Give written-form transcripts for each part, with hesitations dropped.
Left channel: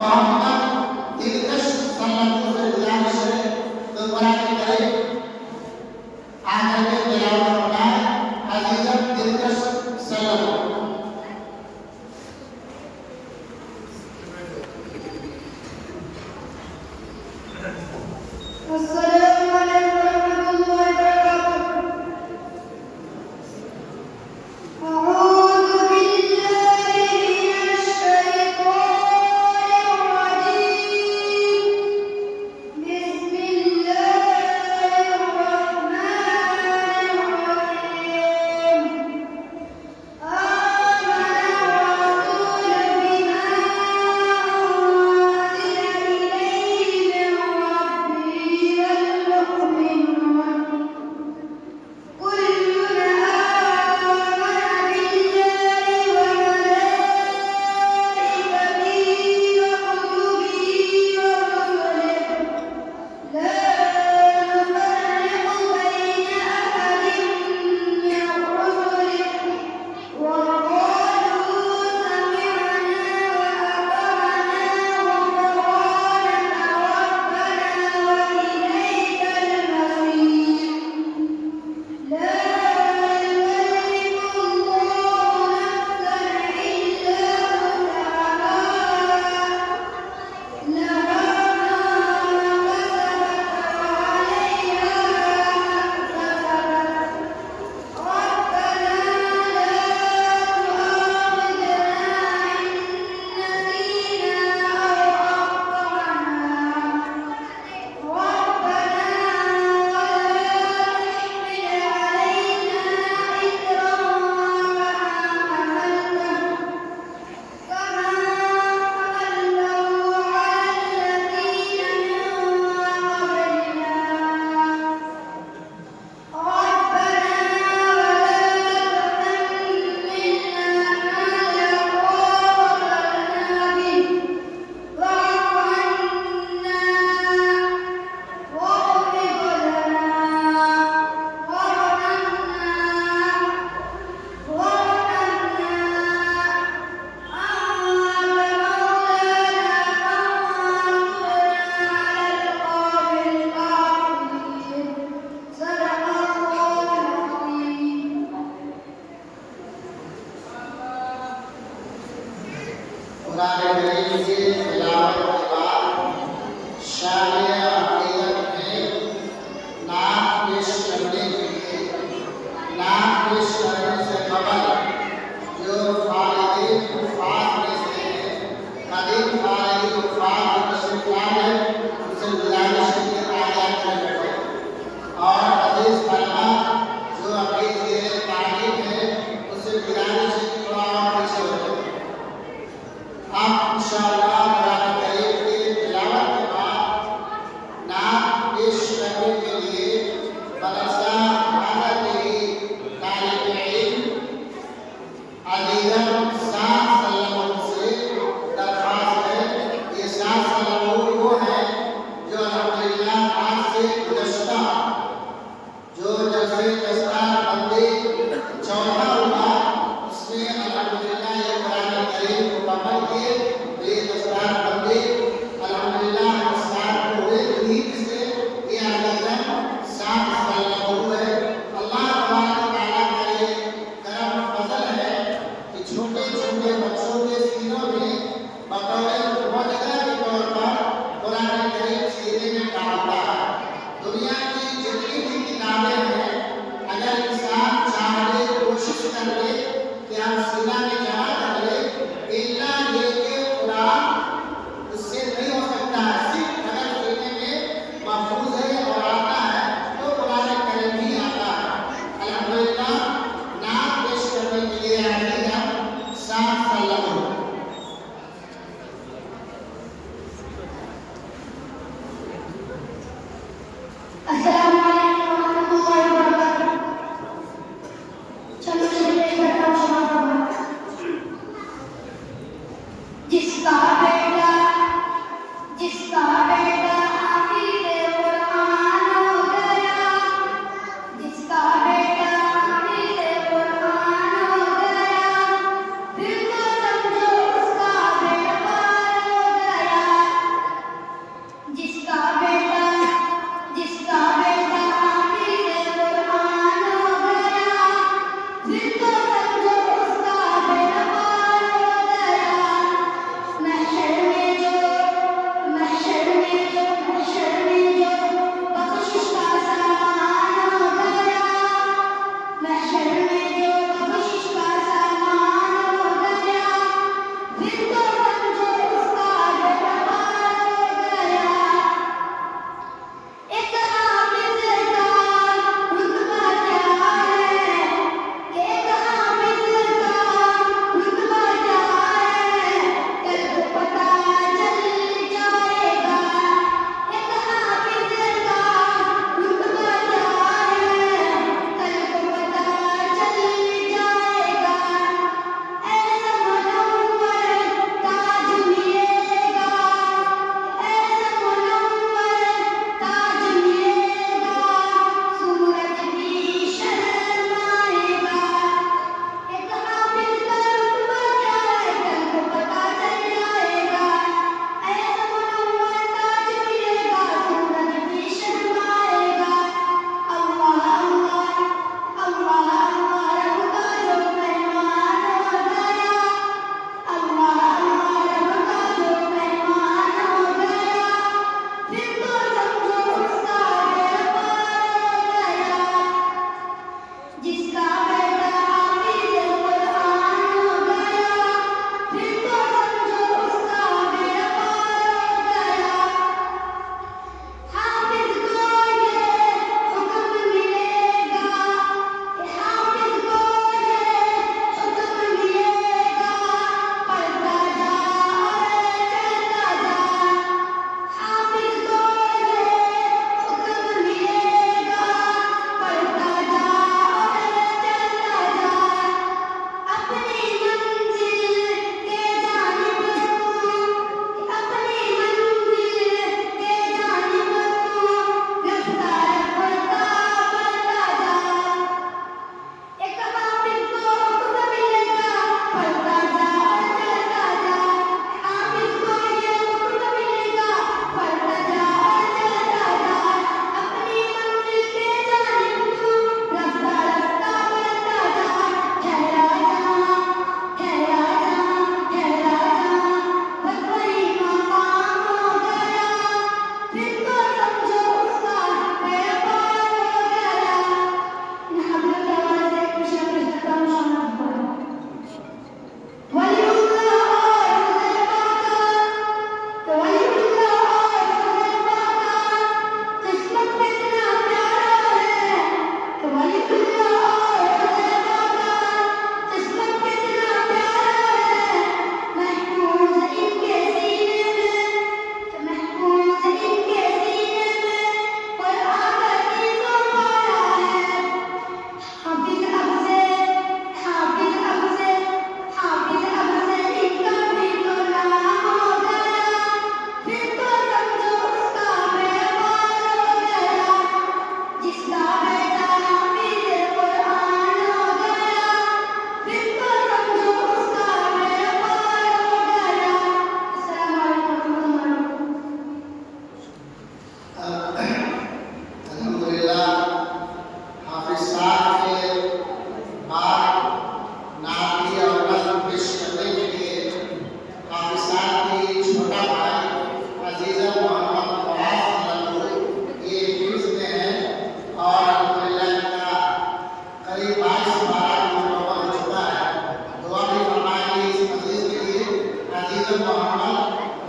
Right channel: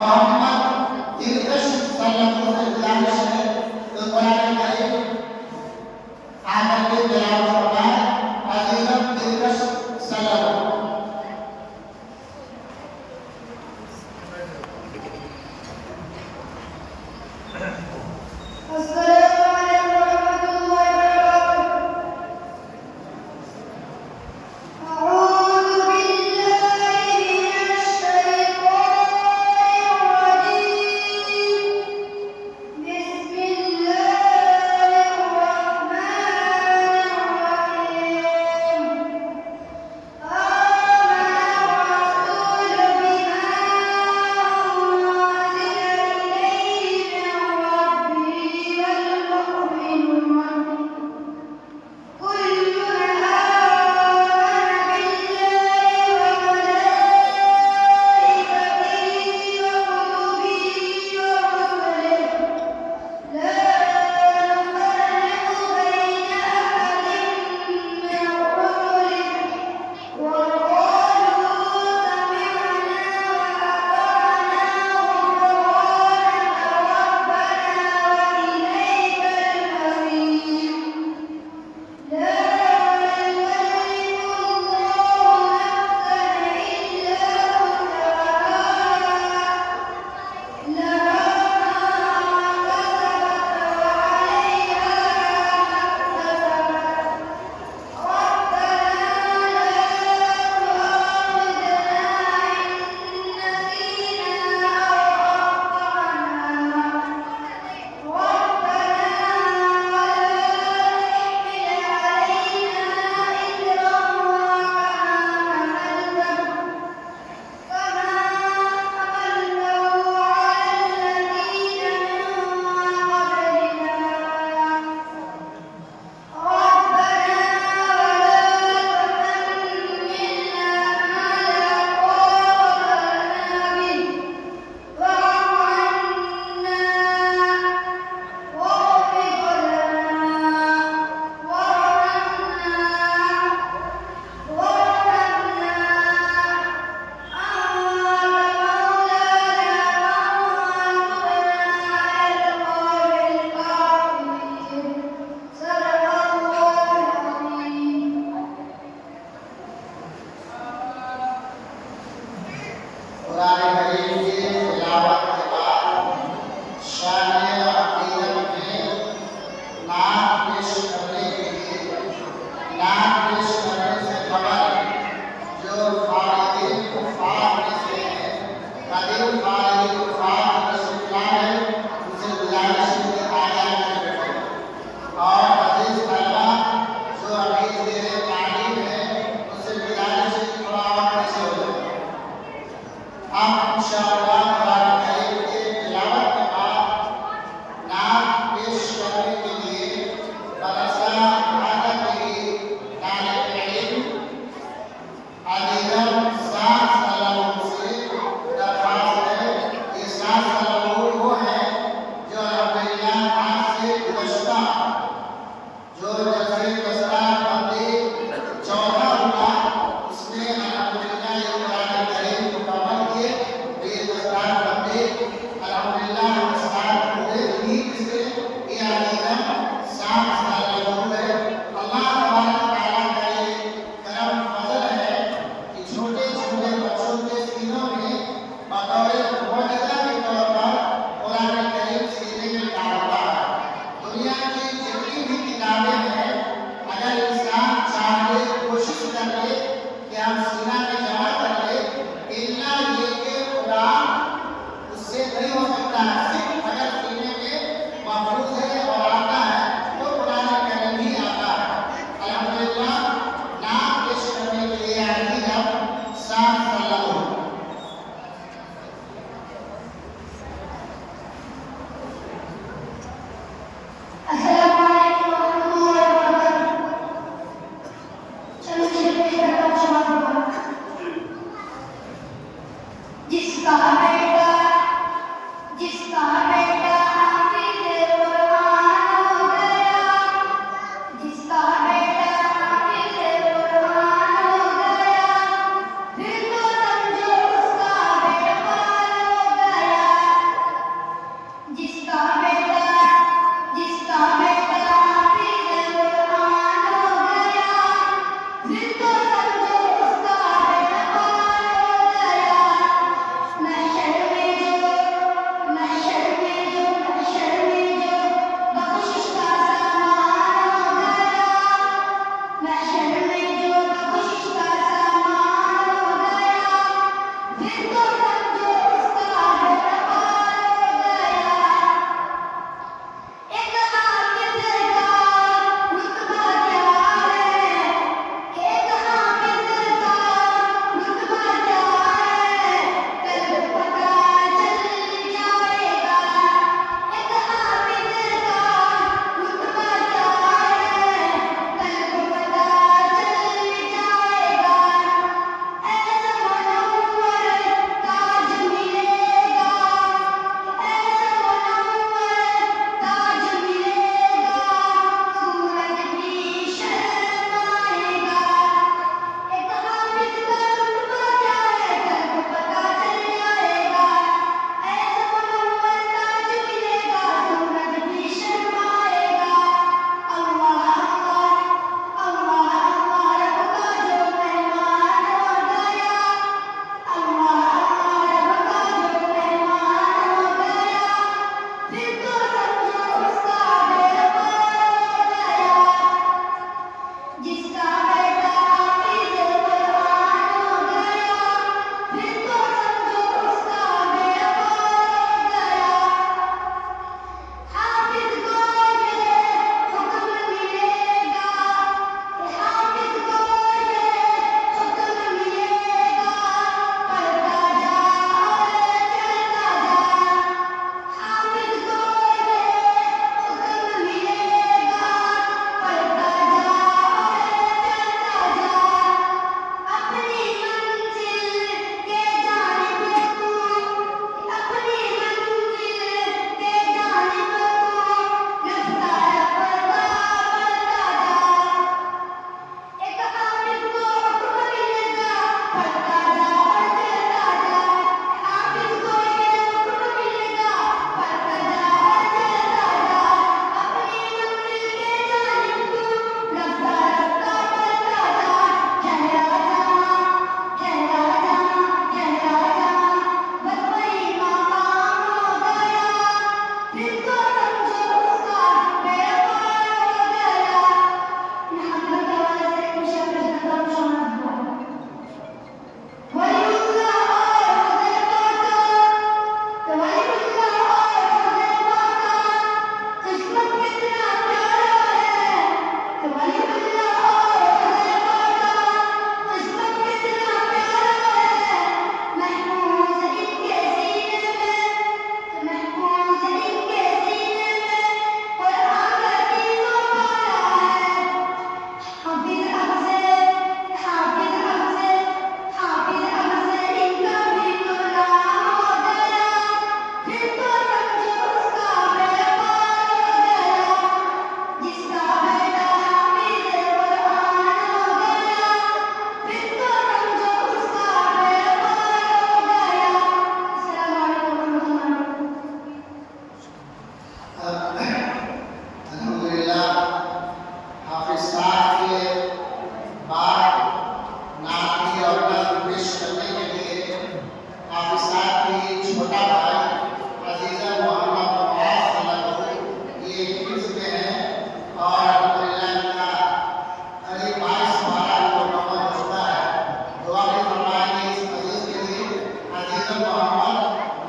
मोहम्मद इर्तिश सल्लल्लाहु अलैहि वसल्लम तो कुरान करीम आकर के तिलावत फरमाया अजीज़ इर्तिश सल्लल्लाहु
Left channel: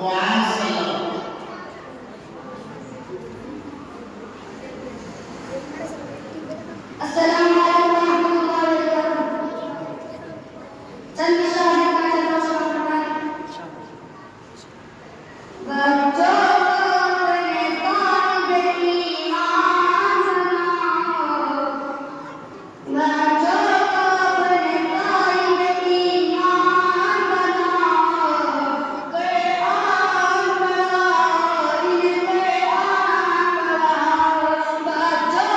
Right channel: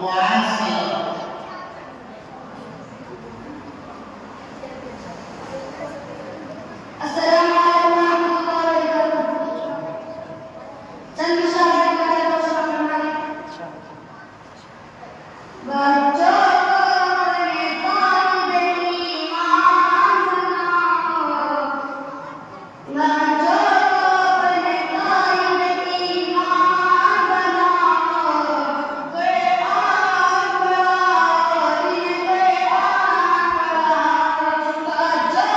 मुआज़ सल्लल्लाहु अस्सलाम वालेकुम रहमतुल्लाहि व बरकातहू। चंद शाहिद का बच्चों ने पानी ईमान बनाओ, बच्चों ने पानी ईमान बनाओ, कुरान पढ़ाओ, इन्हें कुरान पढ़ाओ, बच्चों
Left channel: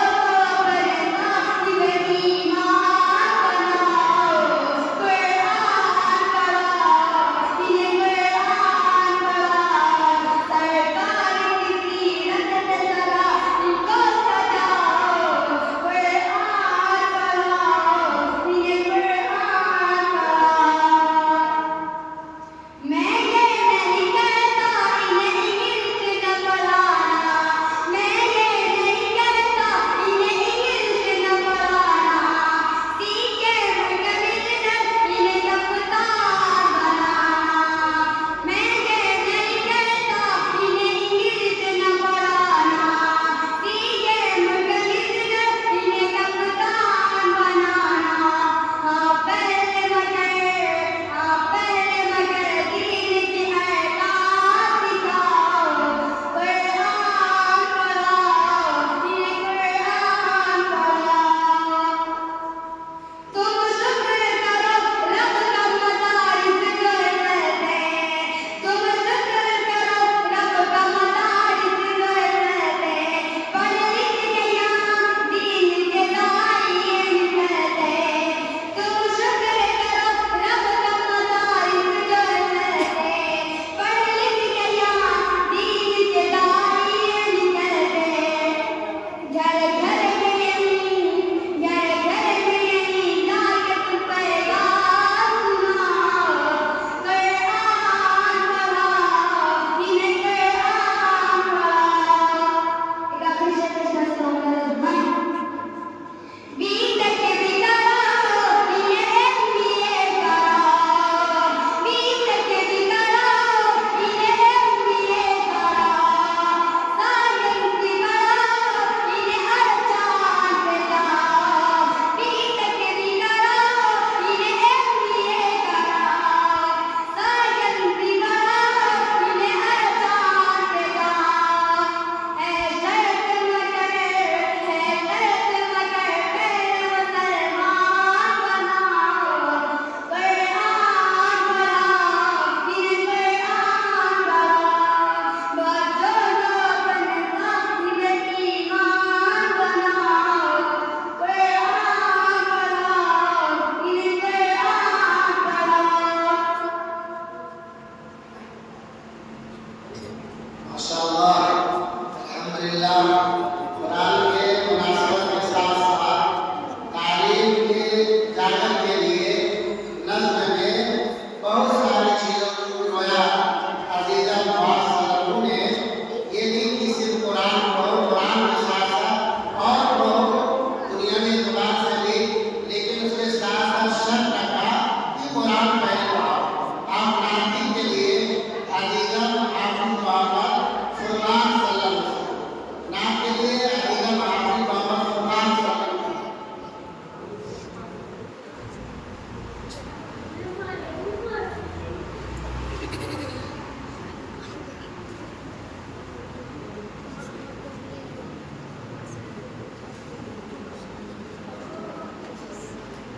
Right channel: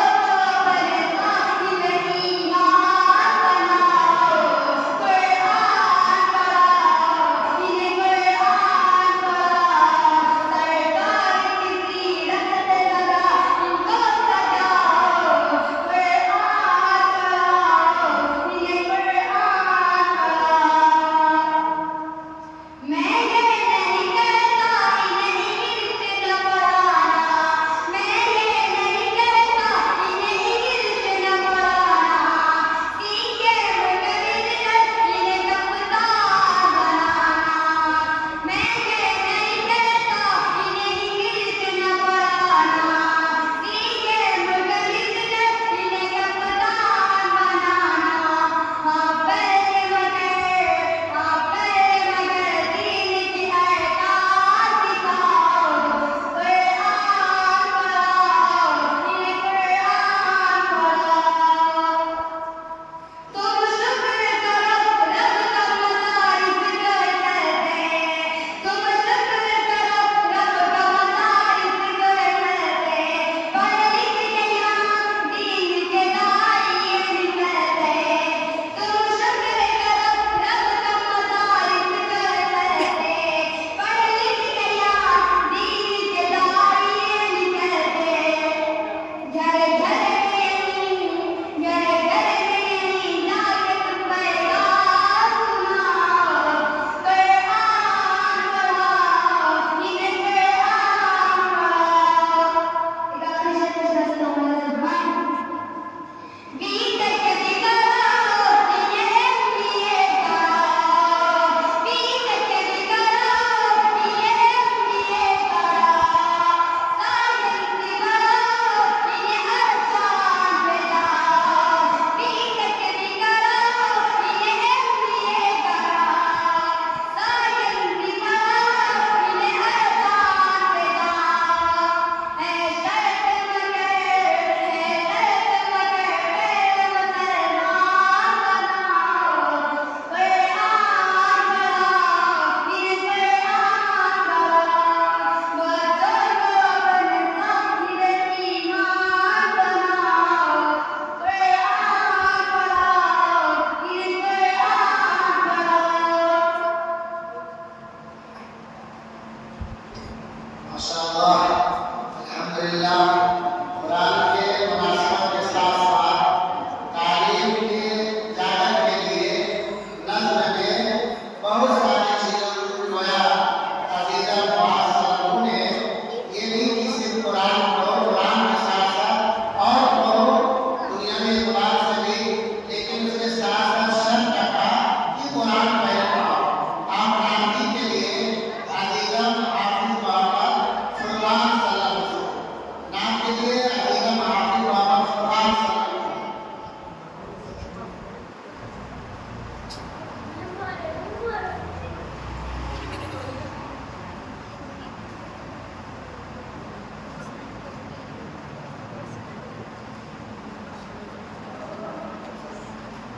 ने पानी ईमान बनाओ, कुरान पढ़ाओ, इन्हें कुरान पढ़ाओ, सरकार की सीरत पे जरा इनको सजाओ, कुरान पढ़ाओ, इन्हें कुरान पढ़ाओ। मैं ये नहीं कहता इन्हें इंग्लिश न पढ़ाना, मैं ये नहीं कहता इन्हें इंग्लिश न पढ़ाना, सीखे मुझे बिजनेस इन्हें कप्तान बनाना। मैं ये नहीं कहता इन्हें इंग्लिश न पढ़ाना, सीखे मुझे बिजनेस इन्हें कप्तान बनाना। हाँ पहले मगर दीन की अहकाम सिखाओ, कुरान पढ़ाओ, इन्हें कुरान पढ़ाओ। तुम शुक्र करो रब का मदारिस घर चलते, तुम शुक्र करो रब का मदारिस घर चलते, पढ़ लिख के यहाँ दीन के दाई निकलते। तुम शुक्र करो रब का मदारिस घर चलते, पढ़ लिख के यहाँ दीन के दाई निकलते। घर घर में यहीं जाके तुम पैगाम सुनाओ, कुरान पढ़ाओ, इन्हें कुरान पढ़ाओ। बीटेक भी कराओ, इन्हें MBA कराओ, बीटेक भी कराओ, इन्हें MBA कराओ, साइंस भी बढ़ाओ, इन्हें हर चांद पे जाओ, बीटेक भी कराओ, इन्हें MBA कराओ, साइंस भी बढ़ाओ, इन्हें हर चांद पे जाओ। है शर्त मगर मुसलमान बनाओ, कुरान पढ़ाओ, इन्हें कुरान पढ़ाओ, बच्चों को अपने ईमान बनाओ, कुरान पढ़ाओ, इन्हें कुरान पढ़ाओ। माशाअल्लाह, अल्हम्दुलिल्लाह। कुरान के मुनासबत के साथ साथ तालीम के जागरण के लिए नज़्म में बहुत सारी चीज़ों को गोया अज़ीज़ा मुआज़ सल्लल्लाहु ने ये नहीं कि सिर्फ कुरान पढ़ो, कुरान के साथ साथ और पढ़ो, दुनिया में कुरान से भी, लेकिन उसके साथ साथ शर्त रखा कि कुरान पहले पढ़ो। आप नाती के लिए अज़ीज़ा हाफिज़ मोहम्मद फुरकान सल्लल्लाहु अलैहि वसल्लम, नाम के लिए अज़ीज़ा हाफिज़ मोहम्मद फुरकान सल्लल्लाहु अलैहि वसल्लम।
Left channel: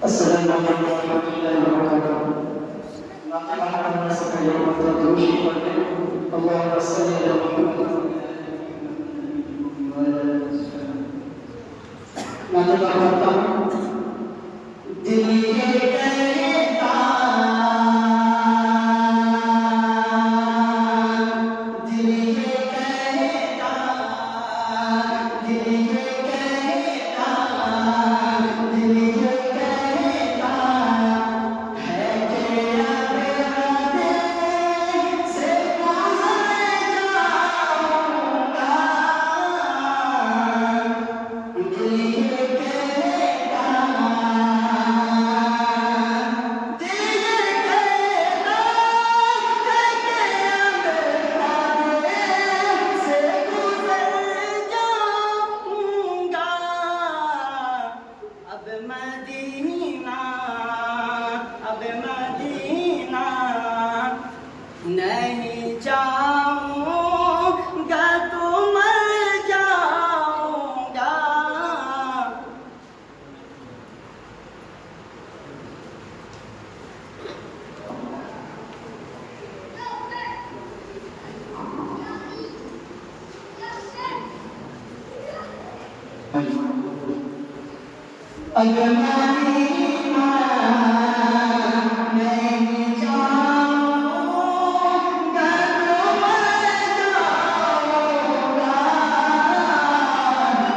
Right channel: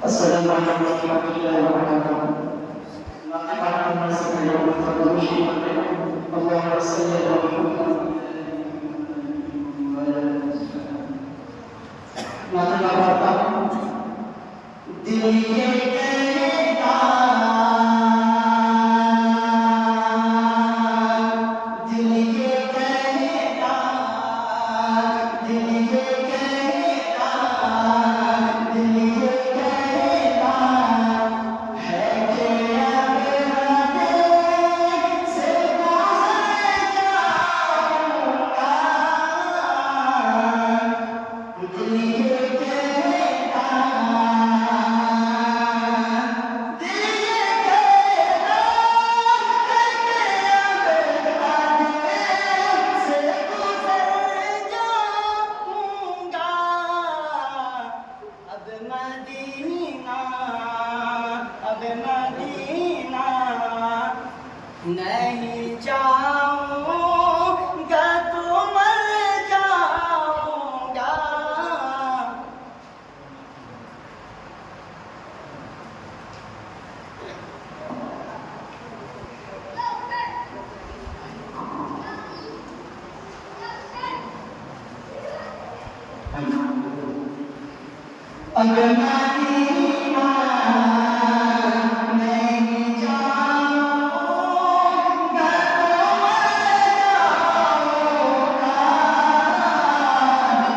अस्सलामु अलैकुम warahmatullahi wabarakatuh. Allahumma salli ala Muhammad Allahumma salli ala Muhammad. Nanti katakan diri kita, diri kita, diri kita, diri kita. अगर मेरी माँ नहीं जाऊँगा तो मैं जाऊँगा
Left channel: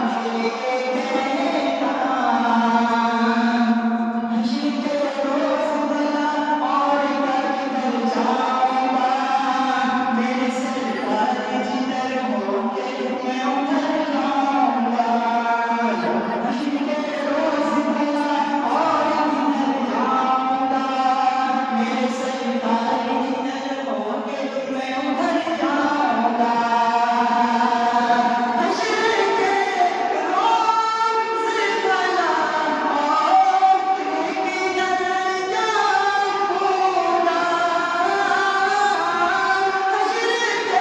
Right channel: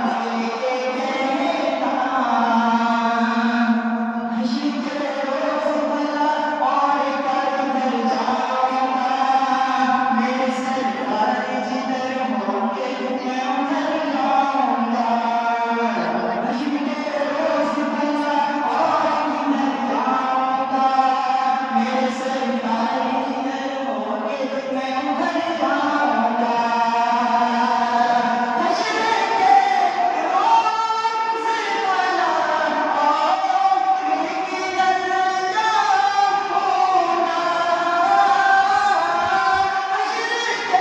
मेरे बेटा हंसी के रोज़ भला और कर जाऊँगा मेरे सरकार जिधर होके मैं उधर जाऊँगा हंसी के रोज़ भला और किधर जाऊँगा मेरे सरकार जिधर होके मैं उधर जाऊँगा हंसी के रोज़ भला और किधर जाऊँगा हंसी के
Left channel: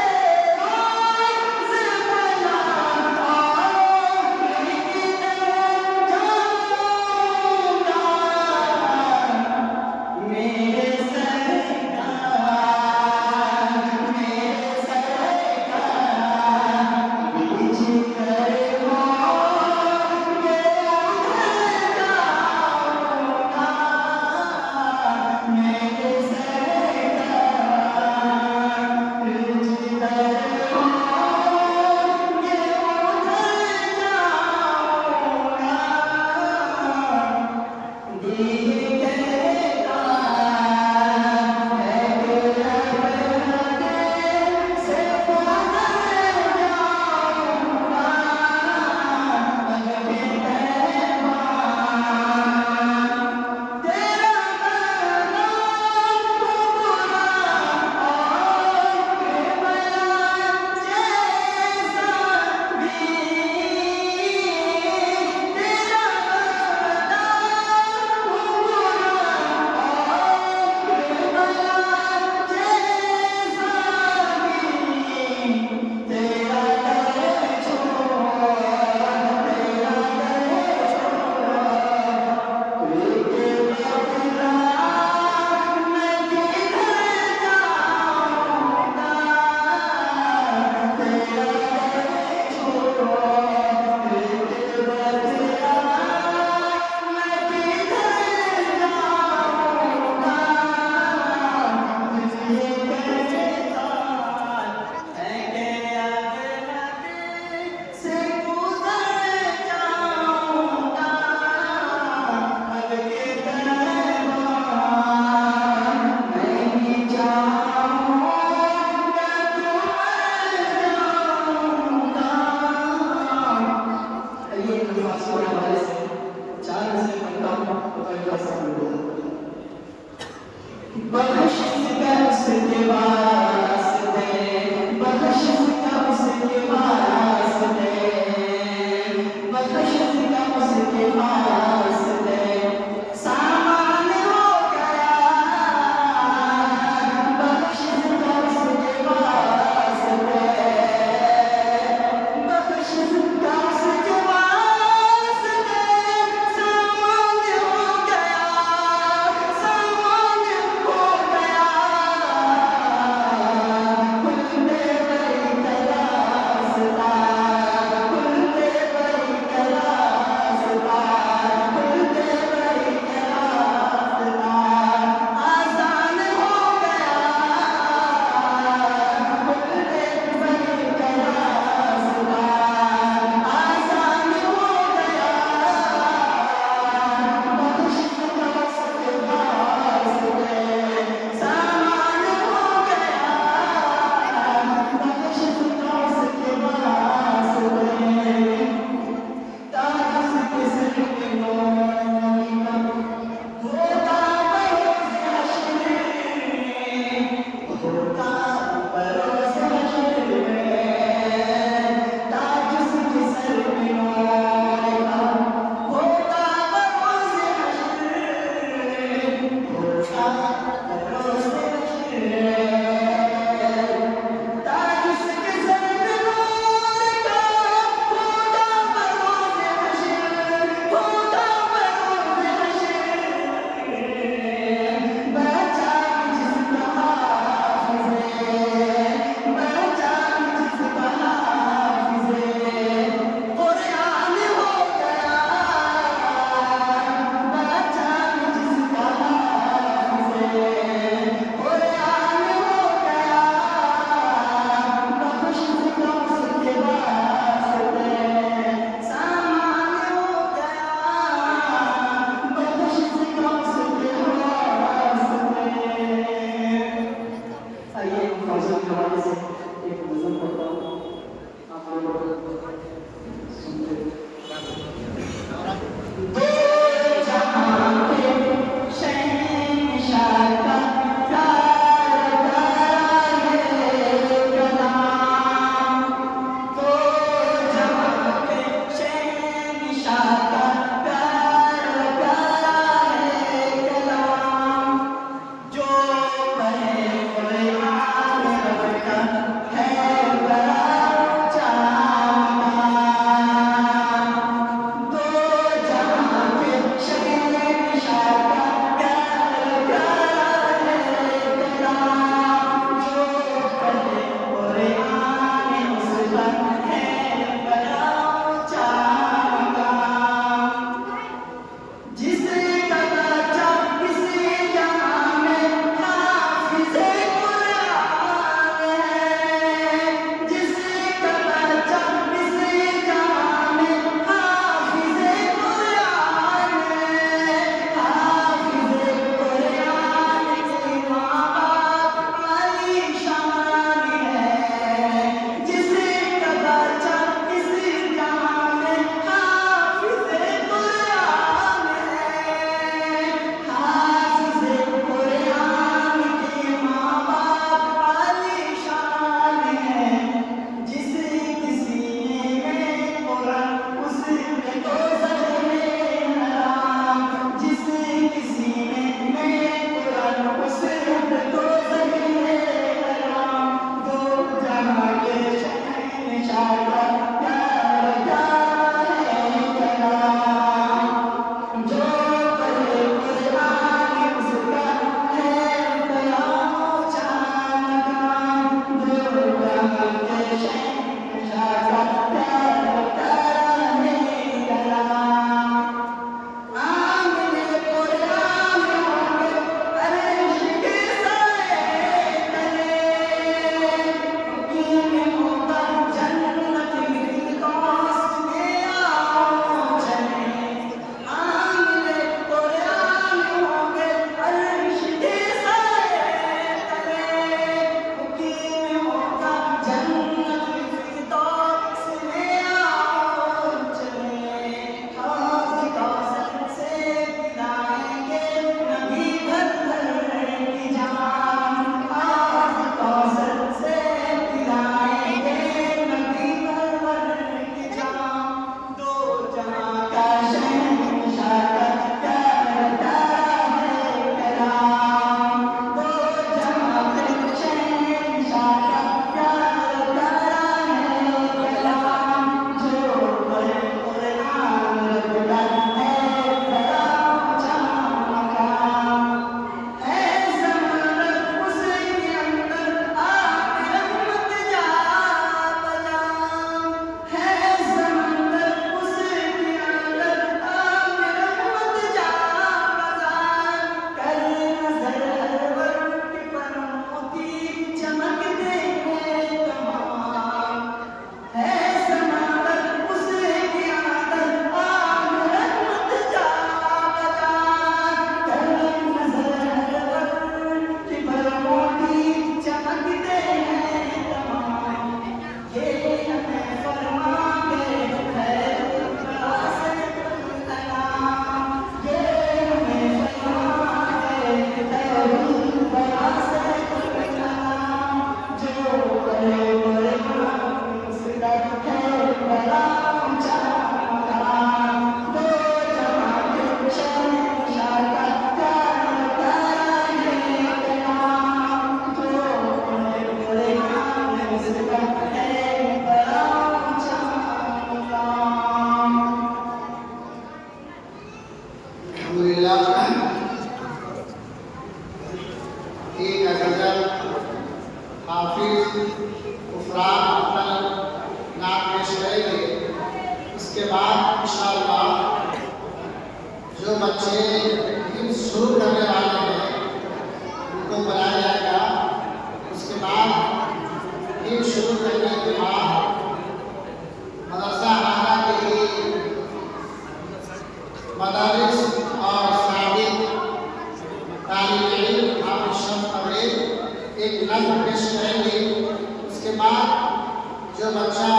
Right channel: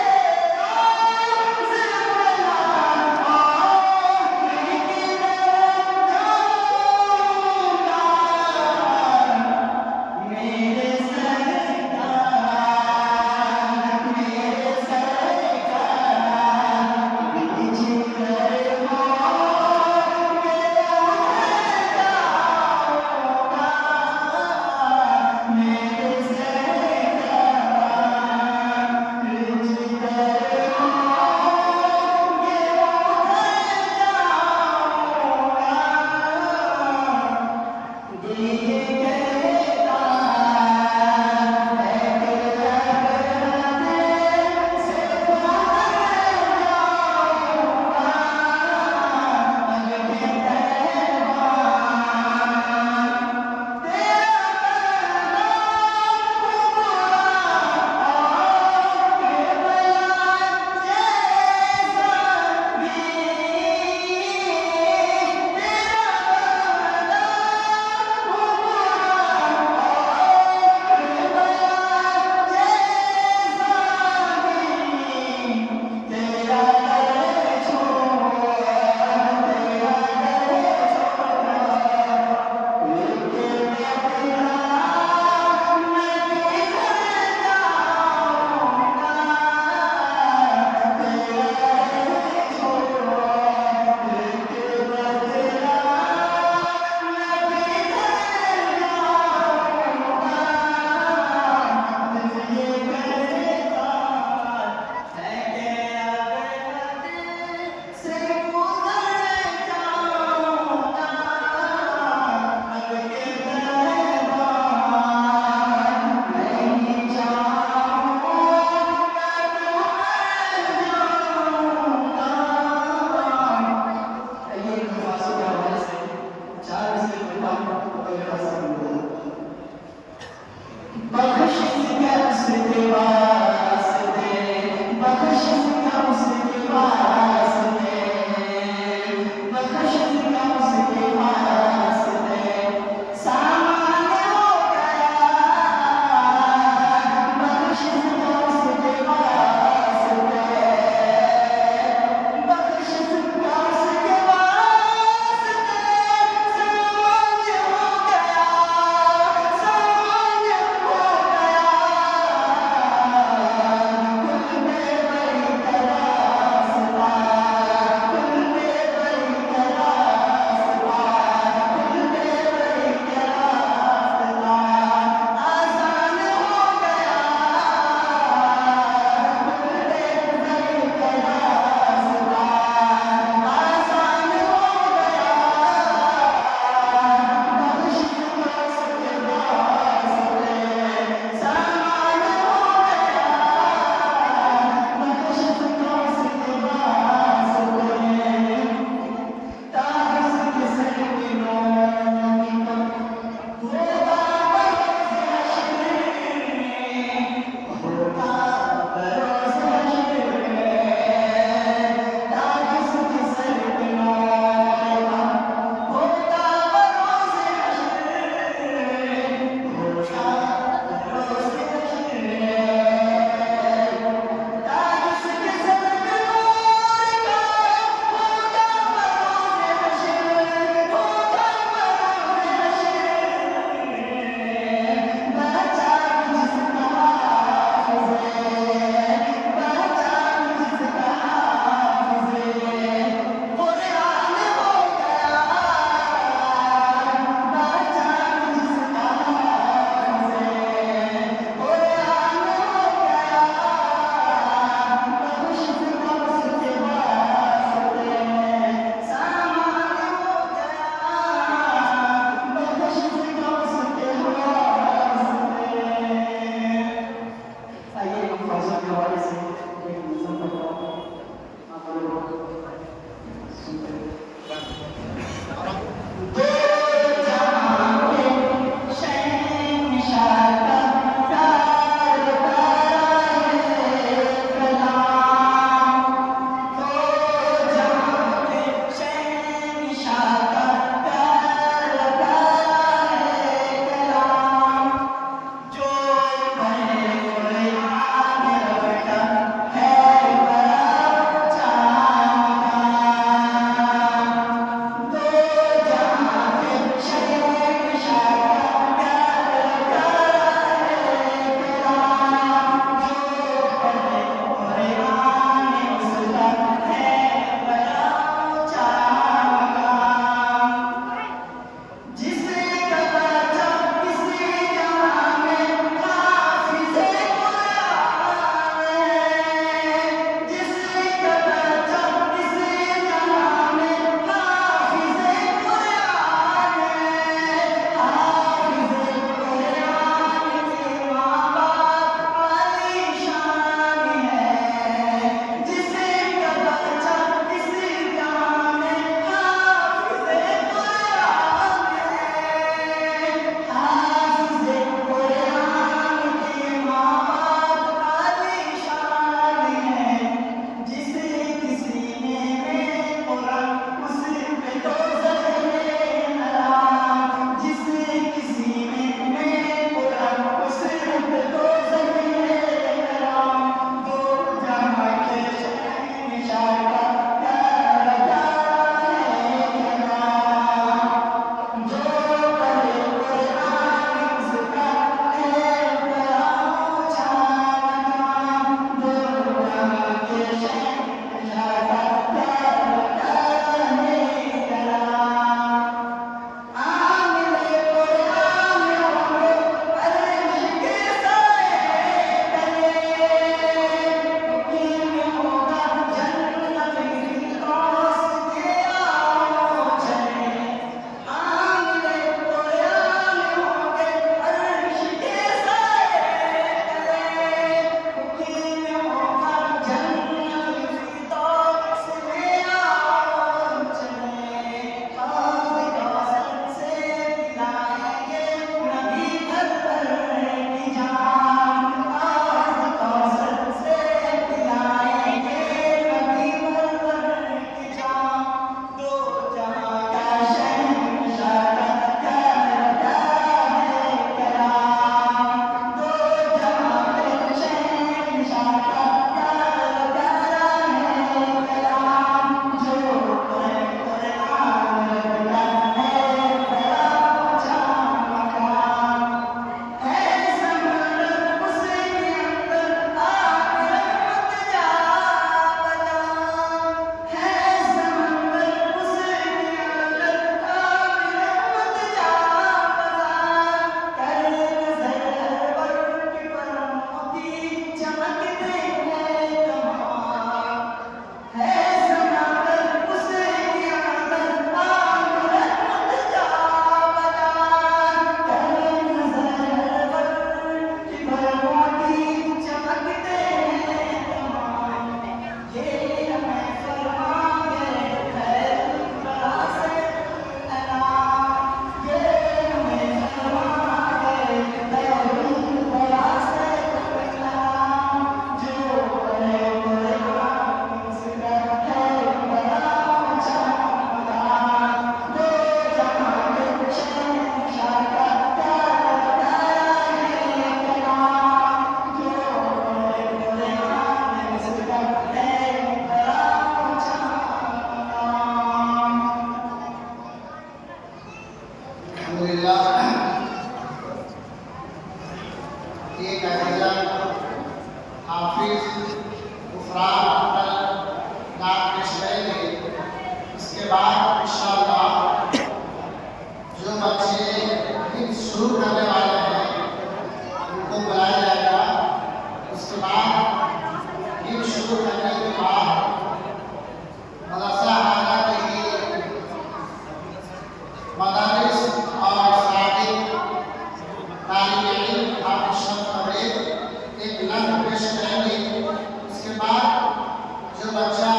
जो बच्चा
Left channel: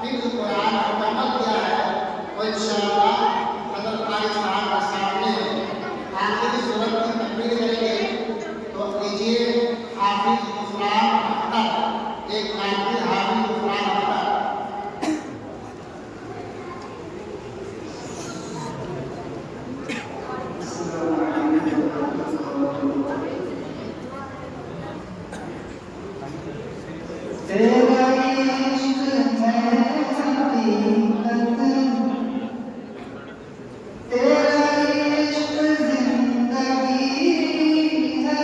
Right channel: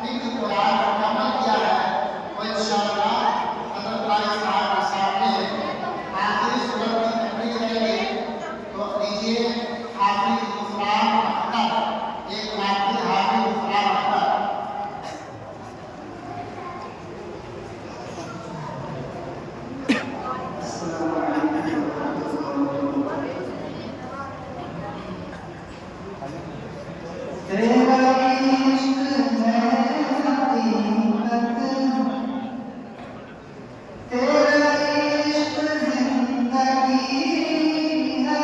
हिफ्ज़ कुरान मुकम्मल किया है वो इंशाअल्लाह हज़रत कारी साहब के सामने आखिरी सूरत की तकमील करेंगे। तो लीजिए हाफिज़ उस्मान अख्तर, एक नाती हाफिज़ उस्मान अख्तर। तेरा इश्क है हकीकत, तेरा इश्क जिंदगी है,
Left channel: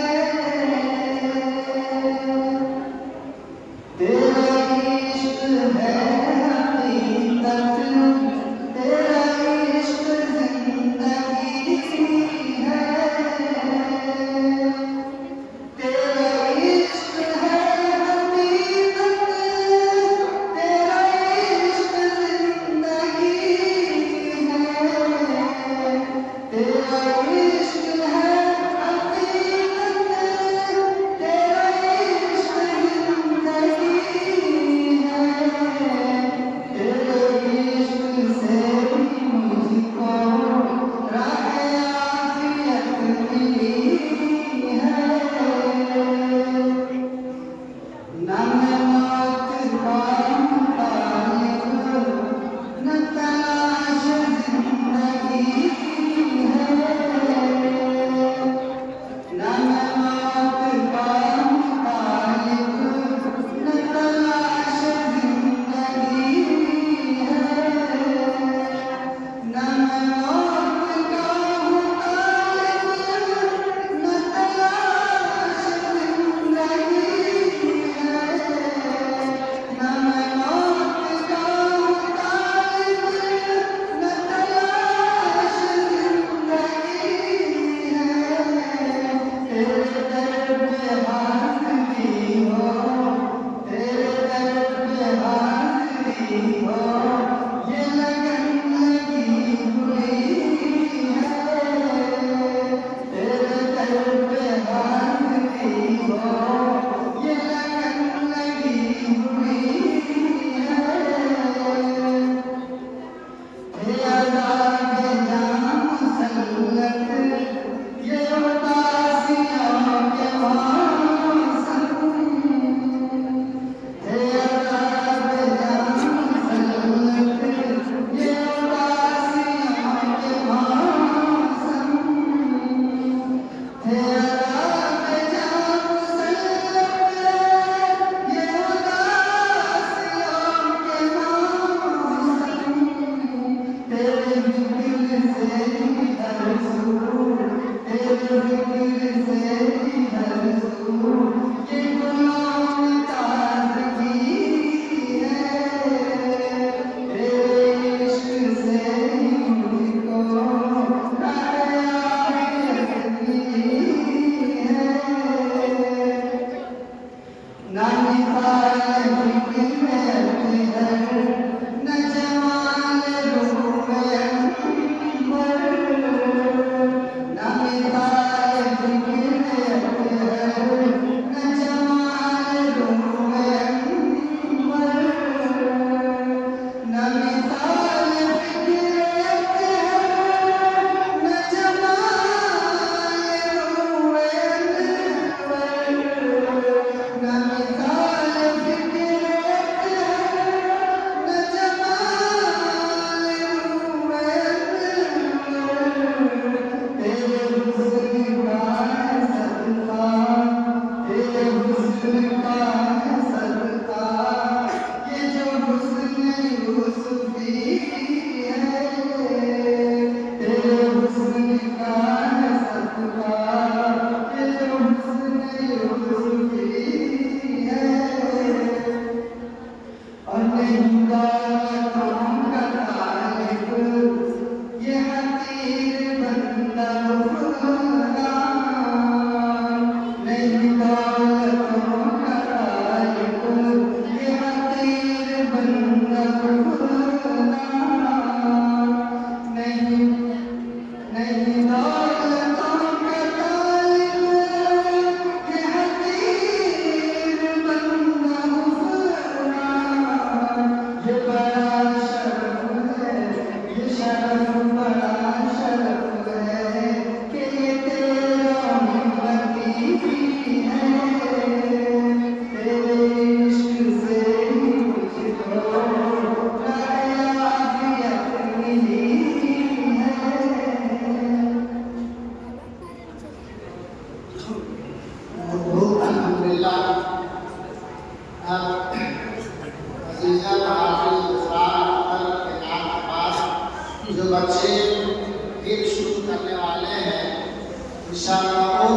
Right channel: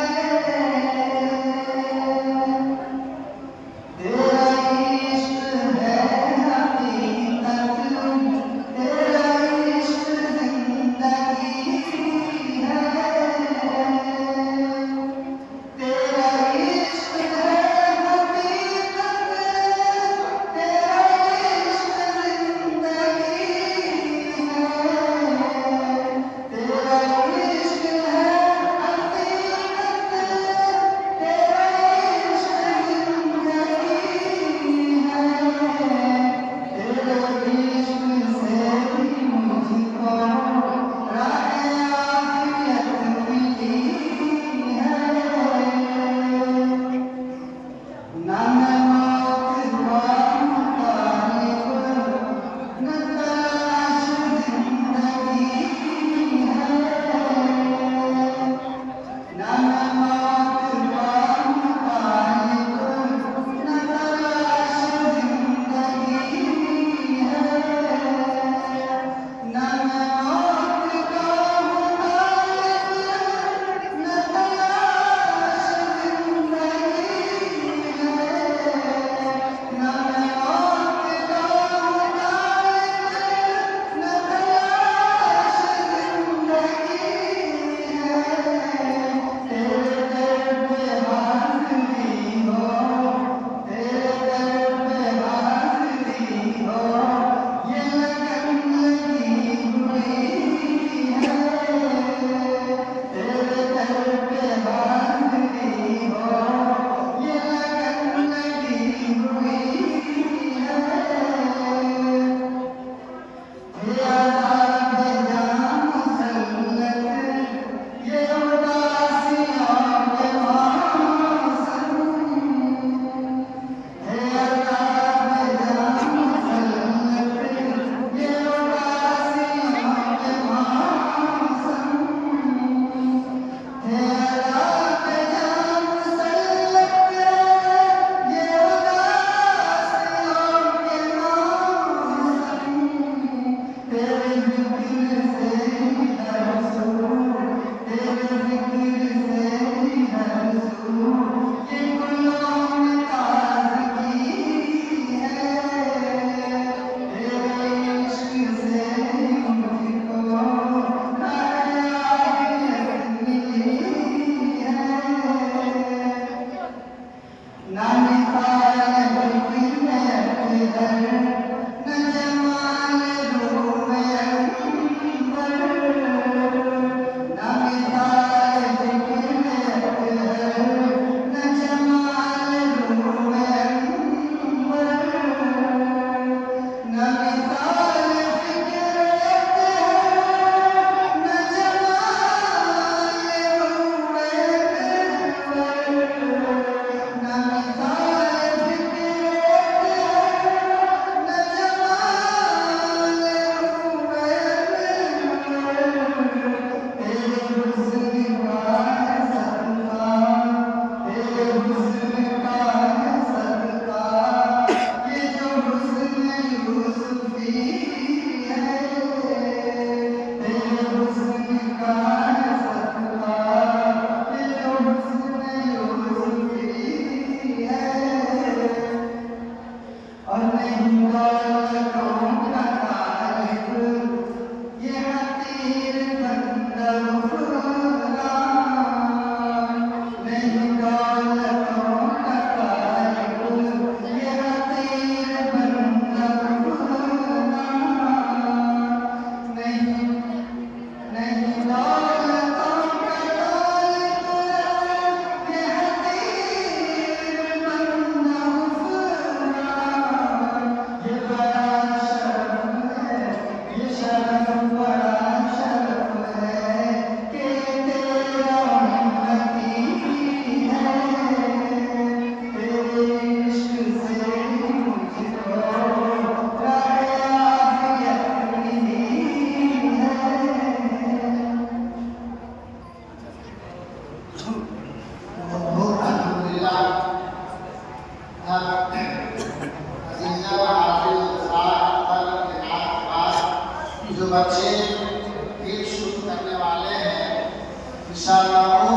इंशाअल्लाह वो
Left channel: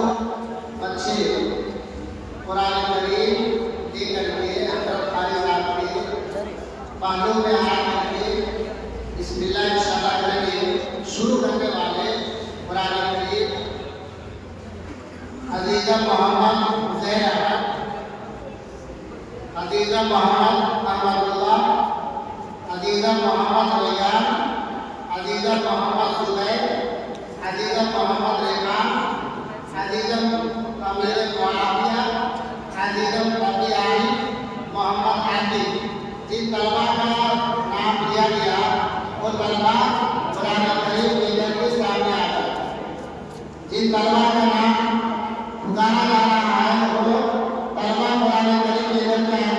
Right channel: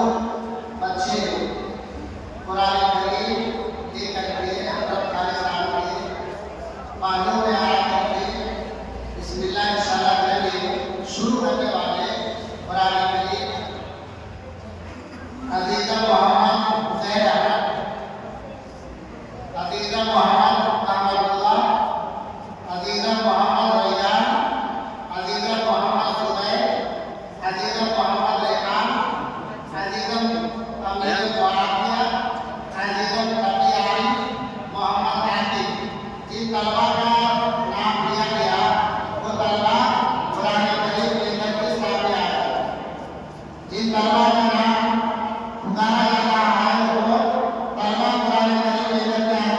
बच्चे कुरान करीम लेकर के हज़रत कारी साहब के बालों में आ करके बिस्मिल्लाह इंशाअल्लाह करेंगे। शुरू करने वाले कुरान करीम अजीज़ा मोहम्मद ज़हरा, अजीज़ा मोहम्मद अहमदुल्लाह, अजीज़ा मोहम्मद रियान, अजीज़ा मोहम्मद जुबैर, अजीज़ा मोहम्मद रेहान, अजीज़ा अमीर मुआविया, अजीज़ा अबी आरिफ, मोहम्मद आतिफ। जिन तलबा का नाम लिया गया वो तलबा कुरान करीम लेकर के सामने आ गए। जिन तलबा का नाम पुकारा जा रहा है वो तलबा कुरान करीम लेकर के आए।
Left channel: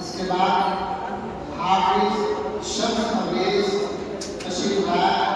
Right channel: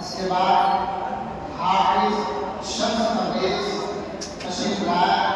इसके बाद हाफिज शम्स परवेज तशरीफ लाए।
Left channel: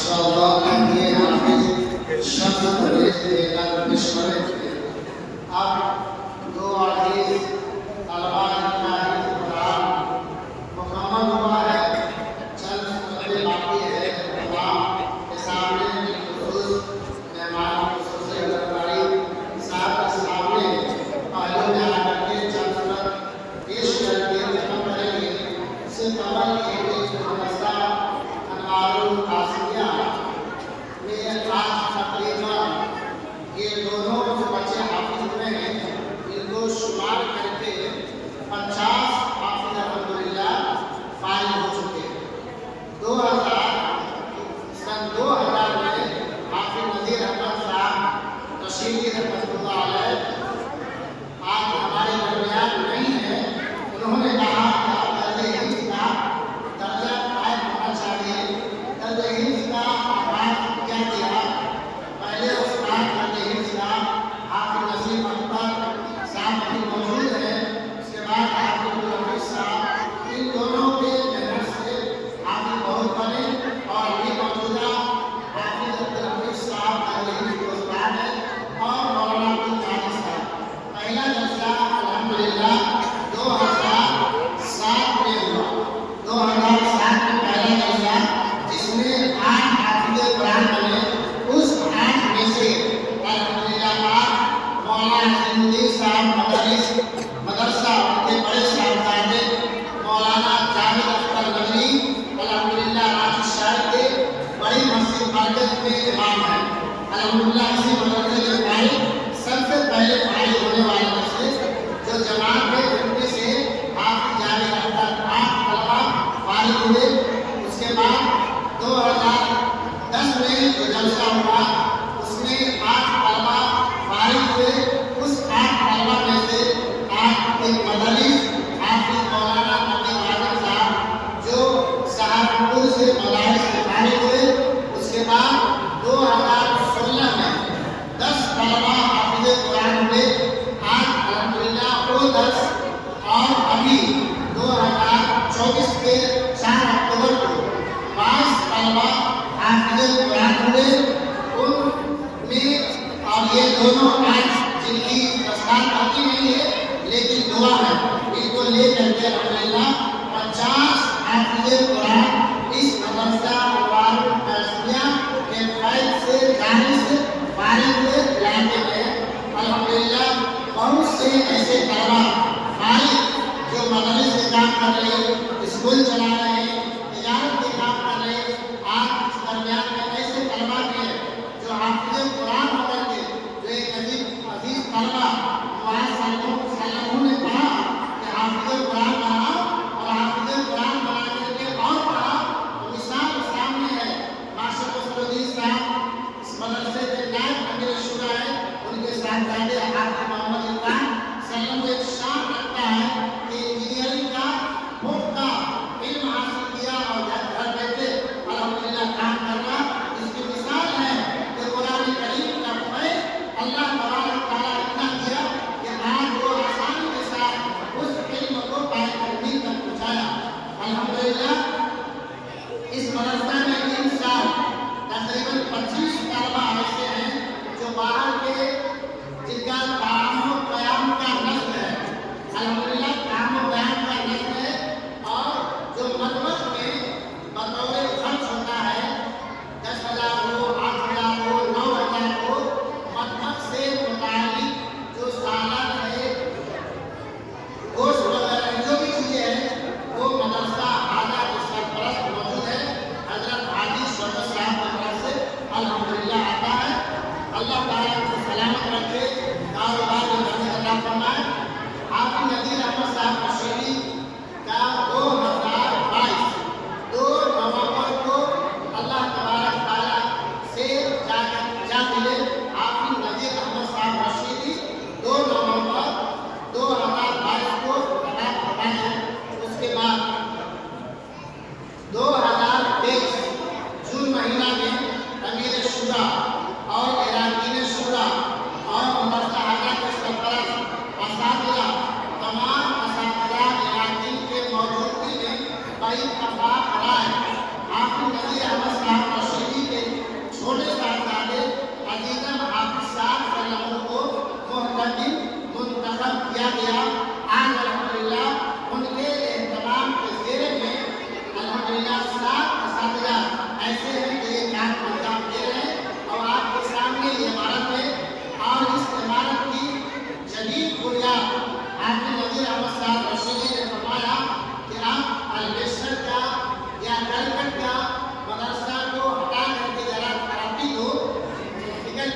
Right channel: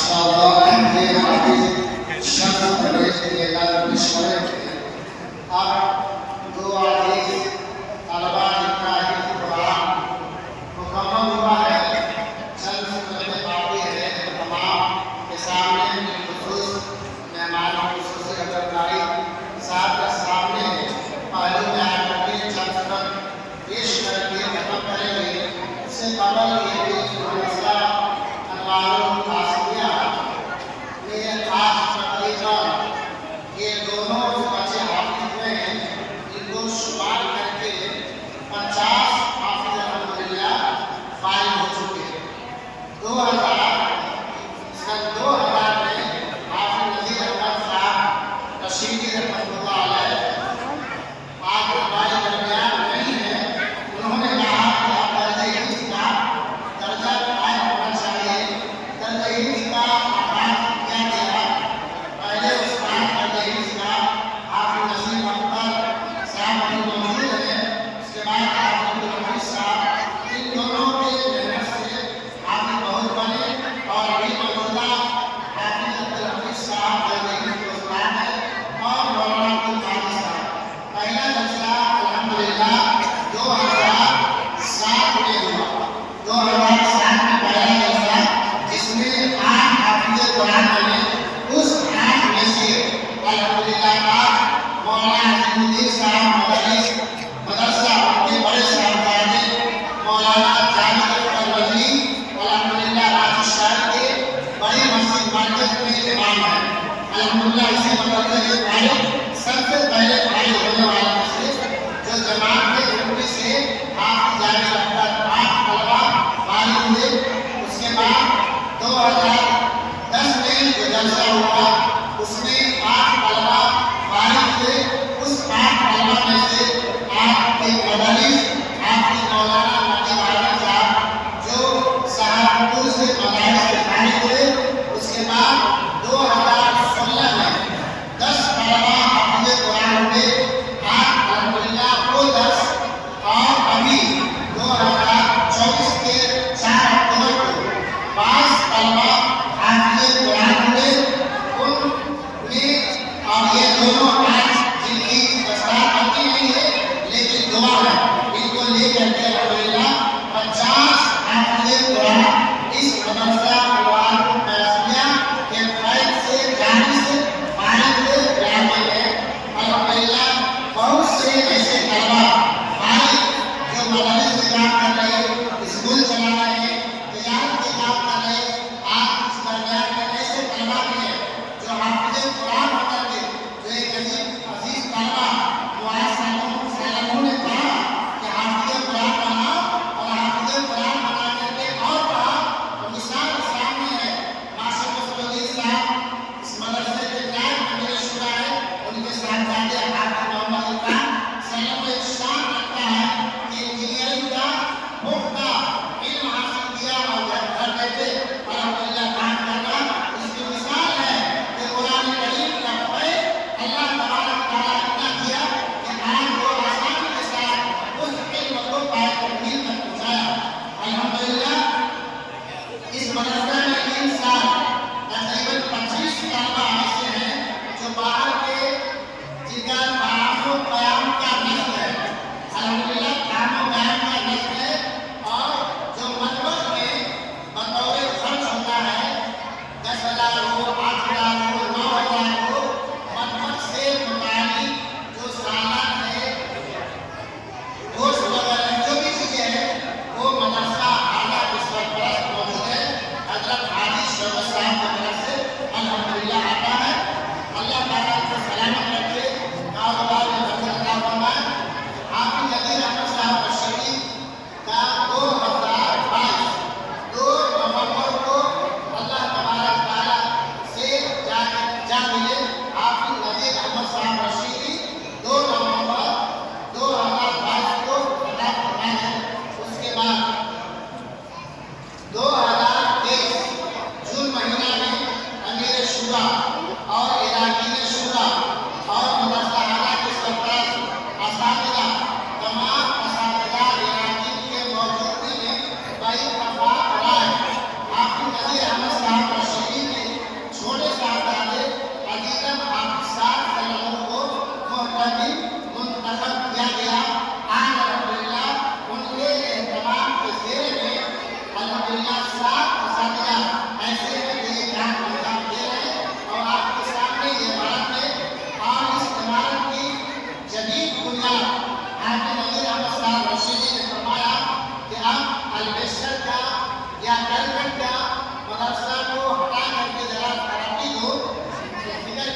माशाअल्लाह के हाफिज शब्द पढ़े से लेकर विश्व के अब दो अजीज तलबा जितना ही कुरान मुकम्मल हुआ है, चंद सुन्नतें बाकी है। तमाम के सामने बिलखुसूस मेहमान खुसूसी अज़रदारी साहब के सामने पहले बयान करके चंद सुन्नत पेश करके खत्म करेंगे। इससे कबल ये भी मदरसा अनवारुल आसिया में आज तकरीबन ये दोनों जो बच्चे हाफिज हुए हैं इनको शुमार करके 50 हाफिज अल्हम्दुलिल्लाह फारिग हो चुके हैं। 2000 में हाफिज नज़ीर अहमद साहब रशीदी रहमतुल्लाह अलैह आज हमारे दरमियान नहीं है। उन्होंने कहा कि दर्जा हिफ्ज़ का दर्जा कायम होना चाहिए। दर्जा हिफ्ज़ का आगाज़ क्या किया? पहले उस्ताद दर्जा हिफ्ज़ का हाफिज नसीम अख्तर साहब अभी मौजूद हैं, उसके बाद हाफिज अब्दुल हफीज़ साहब, इन दोनों के मेहनत से हाफिज बहुत बने और अभी मौजूदा हाफिज अब्दुल हफीज़ साहब दर्जा हिफ्ज़ के उस्ताद हैं और मौलाना अब्दुल कादिर साहब। पहला जलसा अल्हम्दुलिल्लाह 2007 में हुआ। 2007 में पहला जलसा जिसमें 8 हाफिज़ कुरान बने। उस 8 में से अल्हम्दुलिल्लाह मौलाना अज़ीमुद्दीन साहब मुदर्रिस मदरसा के बड़े साहबजादे मौलाना जावेद अख्तर नदवी अल्हम्दुलिल्लाह रांची शहर के बड़ी मस्जिद मरकज में इमाम हैं। अल्हम्दुलिल्लाह इसी मदरसे के पहले सबसे पहले पढ़ाई होने वाला मस्जिद जो जमात के ग्रुप से हाफिज जावेद अख्तर 8 तलबा फारिग हुए। उसके बाद 2010 में जो जलसा हुआ उसमें 8 तलबा फारिग हुए। उस 8 तलबा में से आज एक मदरस हाफिज मौलाना नकीब आजम साहब जो सहारनपुर से मदारिस से फारिग हुए। उसके बाद 2016 में 10 तलबा हाफिज कुरान हुए। आज अल्हम्दुलिल्लाह वो 10 और अभी 2024 के 4 अक्टूबर को 5 तलबा हाफिज कुरान हुए।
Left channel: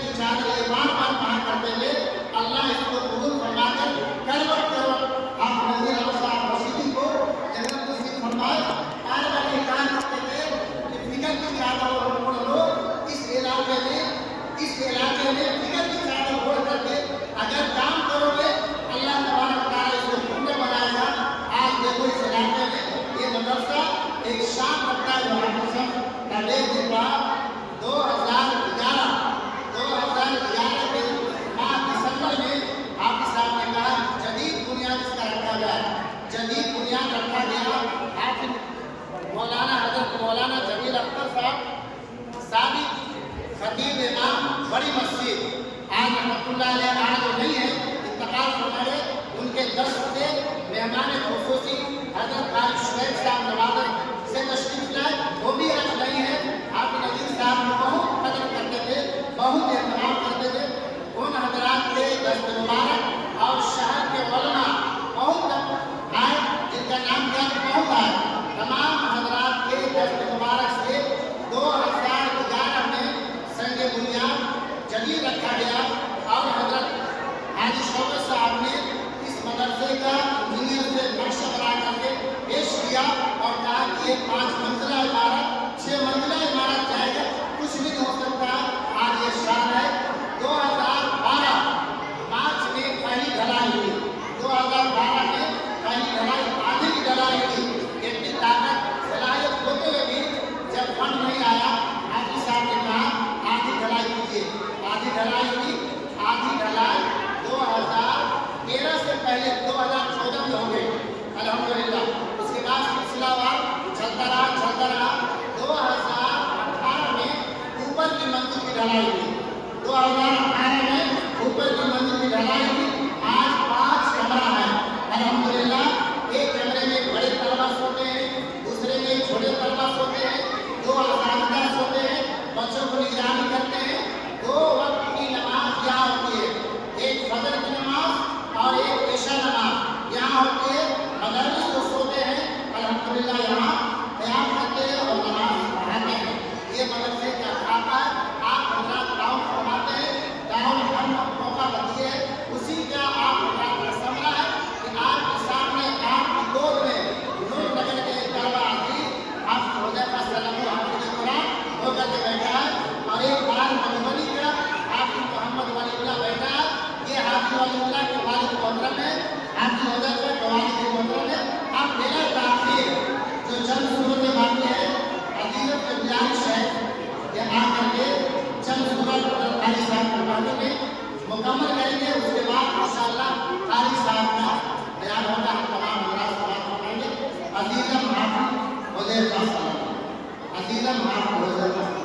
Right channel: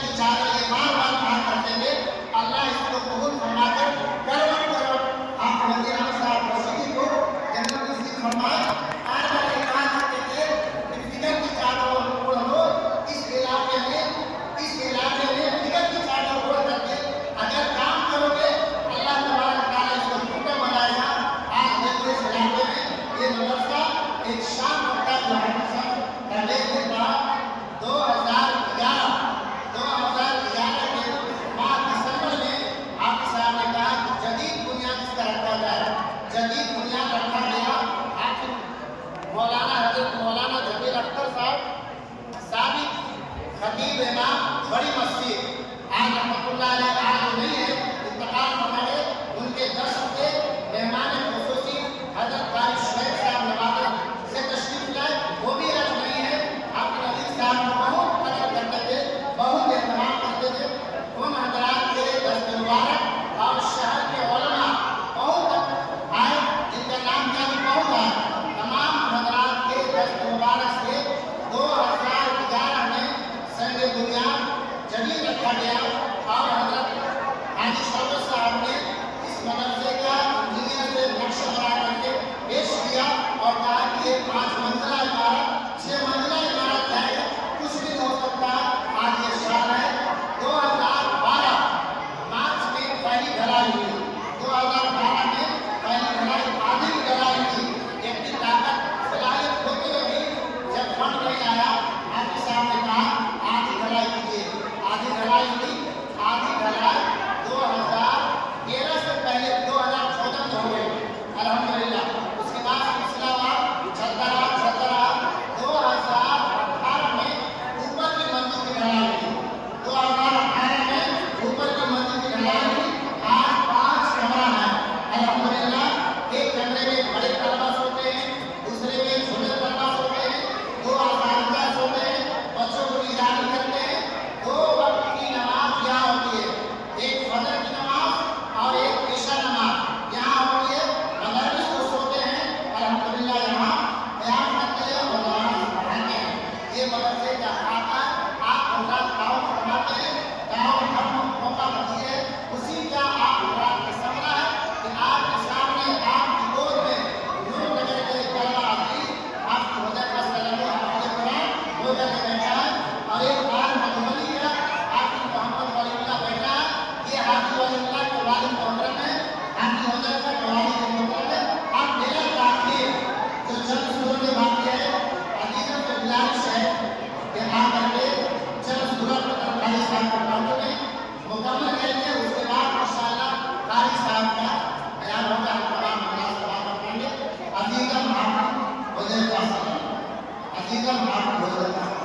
की चादर ये बार बार कहा करते थे, अल्लाह इसको कबूल फरमाकर करवट करवट आप नज़ीर अहमद साहब मौजूदी को जन्नत नसीब फरमाए। आज वाले कहा करते थे कि फिक्र की चादर ओढ़ लो, इस इलाके में फिक्र की चादर ओढ़ करके अगर काम करोगे अल्लाह तबारक तआला इसको पूर्ण बनाएगा। आज देखो इस इलाके में ये मदरसा एक शान रखता है। तबलीग के बाद 2011 के माह दिसंबर में हाफिज साहब ने कहा जदीद बुनियाद इसका रखा जाए। जदीद बुनियाद रखा गया। हाफिज मौलाना हजरत मौलाना जमील अख्तर साहब साबिक खतीब इमाम बड़ी मस्जिद आज रहमतुल्लाह अलैह आज नहीं है, इंतकाल फरमाए। उनके दर्स पे मेहमान खुसूसी हजरत कारी शुएब साहब नवादा से तशरीफ लाए, वो भी आज नहीं है। हाफिज अजीज साहब को बहुत कदर करते थे, बहुत एहतराम करते थे। उन हजरात के दस्त मुबारक और शहर के उलमा बहुत आए, जिनका नाम बहुत आए। तमाम हजरात के दस्त मुबारक से 2011 में संग बुनियाद जमीन रखा गया और हजरत हाजी शौकत साहब ने इस मदरसे का इंजीनियर से नक्शा बना करके पेश किया और कहा कि ये 5 मंजिला इमारत 6 मंजिला इमारत जाएगा, कुछ भी नहीं हो सकता। आज ये शान है। 2012 मार्च में पहली ढलाई हुई। 2012 में पहली ढलाई आधी की ढलाई हुई। इतनी ताकत सलाहियत होते हुए भी जब फंड नहीं आया, हाफिज साहब ने कहा आधी ढलाई कीजिए। आधी ढलाई हुई। आधी ढलाई 2013 से पहले 2014 में हो गई अल्हम्दुलिल्लाह। उसके बाद सिलसिलावार चलता रहा 2018 में ऊपर की मंजिल की ढलाई हुई। 2018 में ऊपर की मंजिल की ढलाई हुई। आज 5 कमरा है अल्हम्दुलिल्लाह। एक कमरे में बड़े तलबा सोते हैं, दूसरे में छोटे तलबा सोते हैं, 2 आसानदा सोते हैं, बच्चों को निगरानी करते हैं। 2 वक्त की नमाज यहाँ होती है, एक फजर की नमाज और एक इशा नमाज यहाँ होती है। मदरस को सोते हैं अल्हम्दुलिल्लाह, यहाँ क़याम करते हैं और नमाज पढ़ाते हैं। ये मदरसे का खाता है। आप हजरात दावत फरमाते हैं, दावत हर मौका बनती है, उसी का आप हजरात का समरा है कि आपके सामने आपकी गोद में नूर नगर के तलबा अजीज आपकी हुज़ैफ़ा सल्लल्लाहु हाफ़िज़ कुरान होकर के बैठा है और एक कुरान मधुबनी का हाफिज मोहम्मद वलीउल्लाह बैठा है। ये हाफिज वलीउल्लाह के वालिद मोहतरम है, हाफिज हुज़ैफ़ा के वालिद मोहतरम है। हम मेरा ताख़ीर जो चंद सूरत में बाकी है, अजीज़ों के गुज़ारिश है कि आकर के चंद सूरत कारी साहब को पढ़ने मुकम्मल करेंगे। उसके बाद इंशाअल्लाह कारी साहब का बयान होगा। हम तमाम हजरात समाअत करेंगे। अजीज़म हाफिज हुज़ैफ़ा साहब, अजीज़म हाफिज हुज़ैफ़ा साहब।